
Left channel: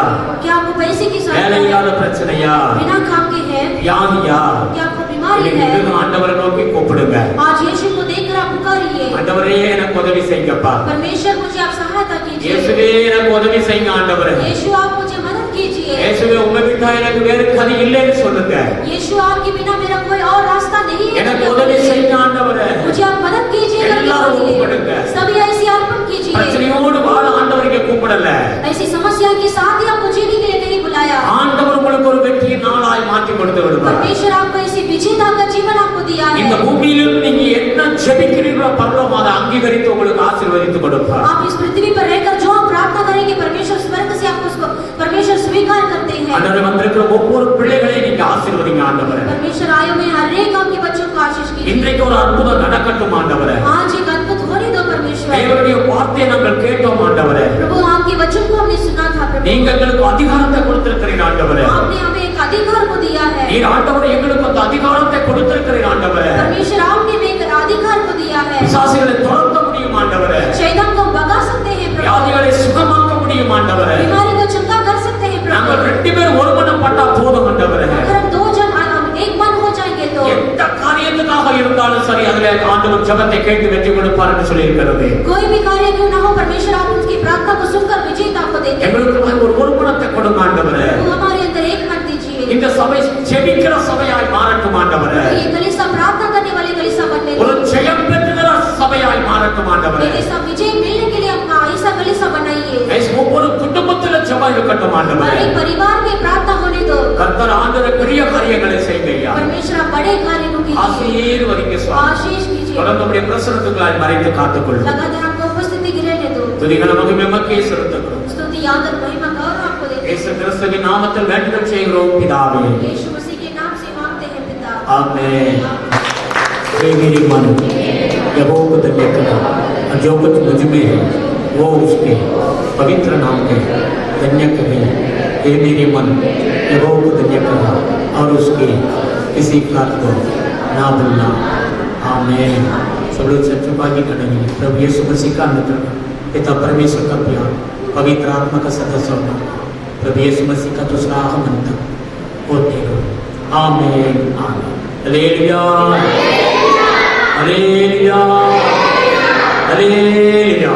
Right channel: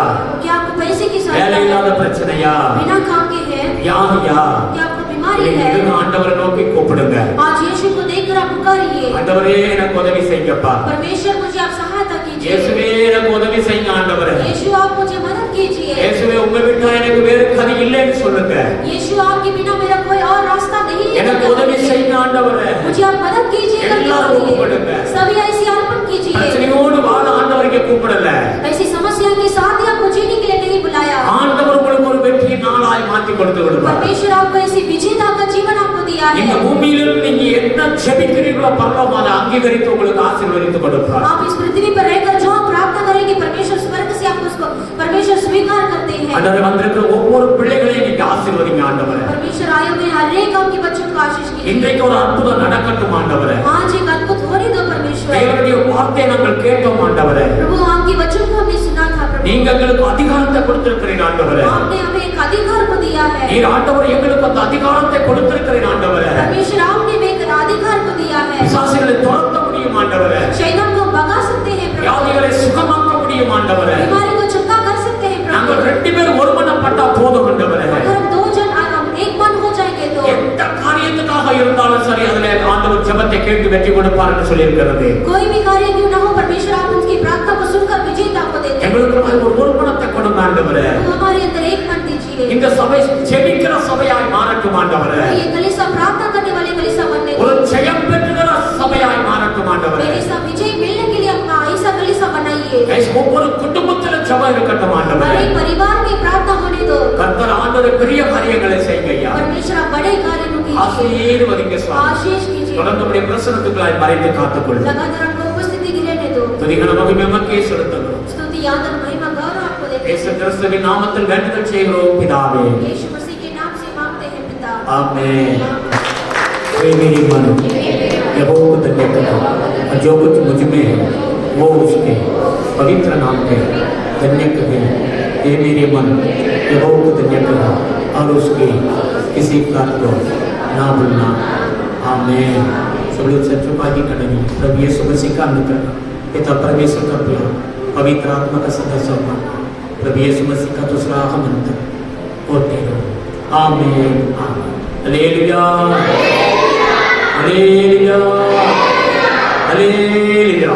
क्या आपको पैसे की வேலை இல்லாத பிரச்சனையா? बिना काम के है? வியாதியா? क्या आपको बीमारी है? ஆண்டவரை நோக்கி கூப்பிடுங்க. आज यीशु को देखकर आप पुकारिए. ஆண்டவரே எனக்கு உதவி செய்யுங்கப்பா. परमेश्वर मुझे आप सहायता कीजिए. இயேசுவே எனக்கு உதவி செய்யுங்க ஆண்டவரே. यीशु आप मुझे मदद कीजिए. இயேசுவே உங்க விட்டா எனக்கு வேறு கதி இல்லைன்னு சொல்லுங்க. यीशु आपके बिना मेरा कोई और रास्ता नहीं है. எனக்கு உதவி செய்யுங்க ஆண்டவரே. मुझे आप मदद कीजिए. सभी ऐसी अर्पण कीजिए. பிரச்சனையோடு வாழ ஆண்டவரை கூப்பிடல. ऐसी समस्या के साथ ही आपको जीने के लिए नहीं बुलाया. ஆண்டவர் உங்களுக்கு ஒரு வெற்றியை நாளாய் மாற்றி கொடுத்து விடுவார். परमेश्वर आपको ऐसी विजेता का जीवन आपको दिया है. இந்த பூமியில் நீங்க என்ன ஜெபிக்கிறீர்களோ பரலோகம் அதை அங்கீகரித்து உங்களுக்கு ஆசீர்வதித்து கொடுப்பார். आप इस पृथ्वी पर रहकर जो प्रार्थना करेंगे परमेश्वर स्वर्ग से आपको उसको परमेश्वर स्वीकार करते हैं. ஆண்டவரே வந்திருக்கிற ஒவ்வொரு பிள்ளைகளையும் நீங்க ஆசீர்வதிங்க ஆண்டவரே. परमेश्वर आए हुए हर एक आपके बच्चों को आशीष कीजिए. இன்றைக்கு ஒரு அற்புதம் நடக்கட்டும் ஆண்டவரே. आज एक अद्भुत होने दो परमेश्वर. தேவனுடைய வார்த்தையை நாங்கள் கேட்டோம் ஆண்டவரே. प्रभु आपके वचन को हमने सुना था प्रभु. நீங்க எங்களுக்கு அதிகாரத்தை கொடுத்திருக்கிறீங்க ஆண்டவரே. आपने हमें एक अधिकार को दिया है. நீர் ஆண்டவரே எங்களுக்கு அந்த அதிகாரத்தை கொடுத்திருக்கிறீங்க ஆண்டவரே. परमेश्वर आपने हमें एक अधिकार को दिया है. பிசாசுகளை துரத்த முடியும் ஆண்டவரே. शैतान को भगा सकते हैं प्रभु. வியாதிகளை சுகமாக்க முடியும் ஆண்டவரே. बीमारी को चंगा कर सकते हैं प्रभु. நாங்கள் 2 பேர் ஒருமனப்பட்டா போதும் ஆண்டவரே. अगर हम 2 जन एक मन हो जाएंगे तो எந்த காரியத்துக்காக இருந்தாலும் சரி அதிலே ஆண்டவர் ஜெபத்தை கேட்டு வெற்றி கொடுப்பார் என்று சொல்லி இருக்கிறது. कोई भी कार्य क्यों ना हो परमेश्वर आप उनकी प्रार्थना को सुनकर विजेता को देते हैं. எங்களுக்கு ஒரு ஒருமனத்தை கொடுங்க ஆண்டவரே. हमारे अंदर एक मन दीजिए. இந்த சபை ஜெபிக்கிற சபையாய் மாறட்டும் ஆண்டவரே. ये कलीसिया प्रार्थना करने वाले कलीसिया बनने दो. ஒரு ஜெயம் பெறுகிற சபையாய் மாறட்டும் ஆண்டவரே. कलीसिया विजय मिलने के लिए अपना ऐसा कलीसिया बनाइए. ஒவ்வொரு குடும்பத்திலும் ஜெபம் இருக்கட்டும் ஆண்டவரே. हर एक परिवार में प्रार्थना होने दो. கர்த்தர் ஆண்டவரே பெரிய காரியங்களை செய்யுங்கய்யா. परमेश्वर आप बड़े कार्य को कीजिए. ஆசீர்வதிங்க சுவாமி. आशीष कीजिए. தொடர்ந்து உம்முடைய பிரசன்னத்துக்குள்ளாய் மறைத்து காத்துக்கொள்ளும். लगातार आपको उपस्थिति गिरने दो. துதிகளை மகிமைக்கு செலுத்துகிறோம். स्तुति आदर महिमा गौरव आपको देते हैं. இயேசு கிறிஸ்துவின் நாமத்தில் வேண்டுதல் செய்கிறோம் பிதாவே. यीशु मसीह के नाम से मांगते हैं पिता. आमीन। वे मेरे मन यहोवा को धन्य करो और जो कुछ मुझ में है वो उसके पवित्र नाम में धन्य करे। ये मेरे मन यहोवा को धन्य करो और उसके किसी बात को ना भूलना। आमीन। सब लोग सच्चुका की करेंगे। प्रभु यीशु मसीह का अनुग्रह, पिता परमेश्वर का प्यार, पवित्र आत्मा का सदस्य होना, प्रभु यीशु मसीह का दूसरा आगमन तक होते रहो। आमीन आमीन। Hallelujah hallelujah hallelujah.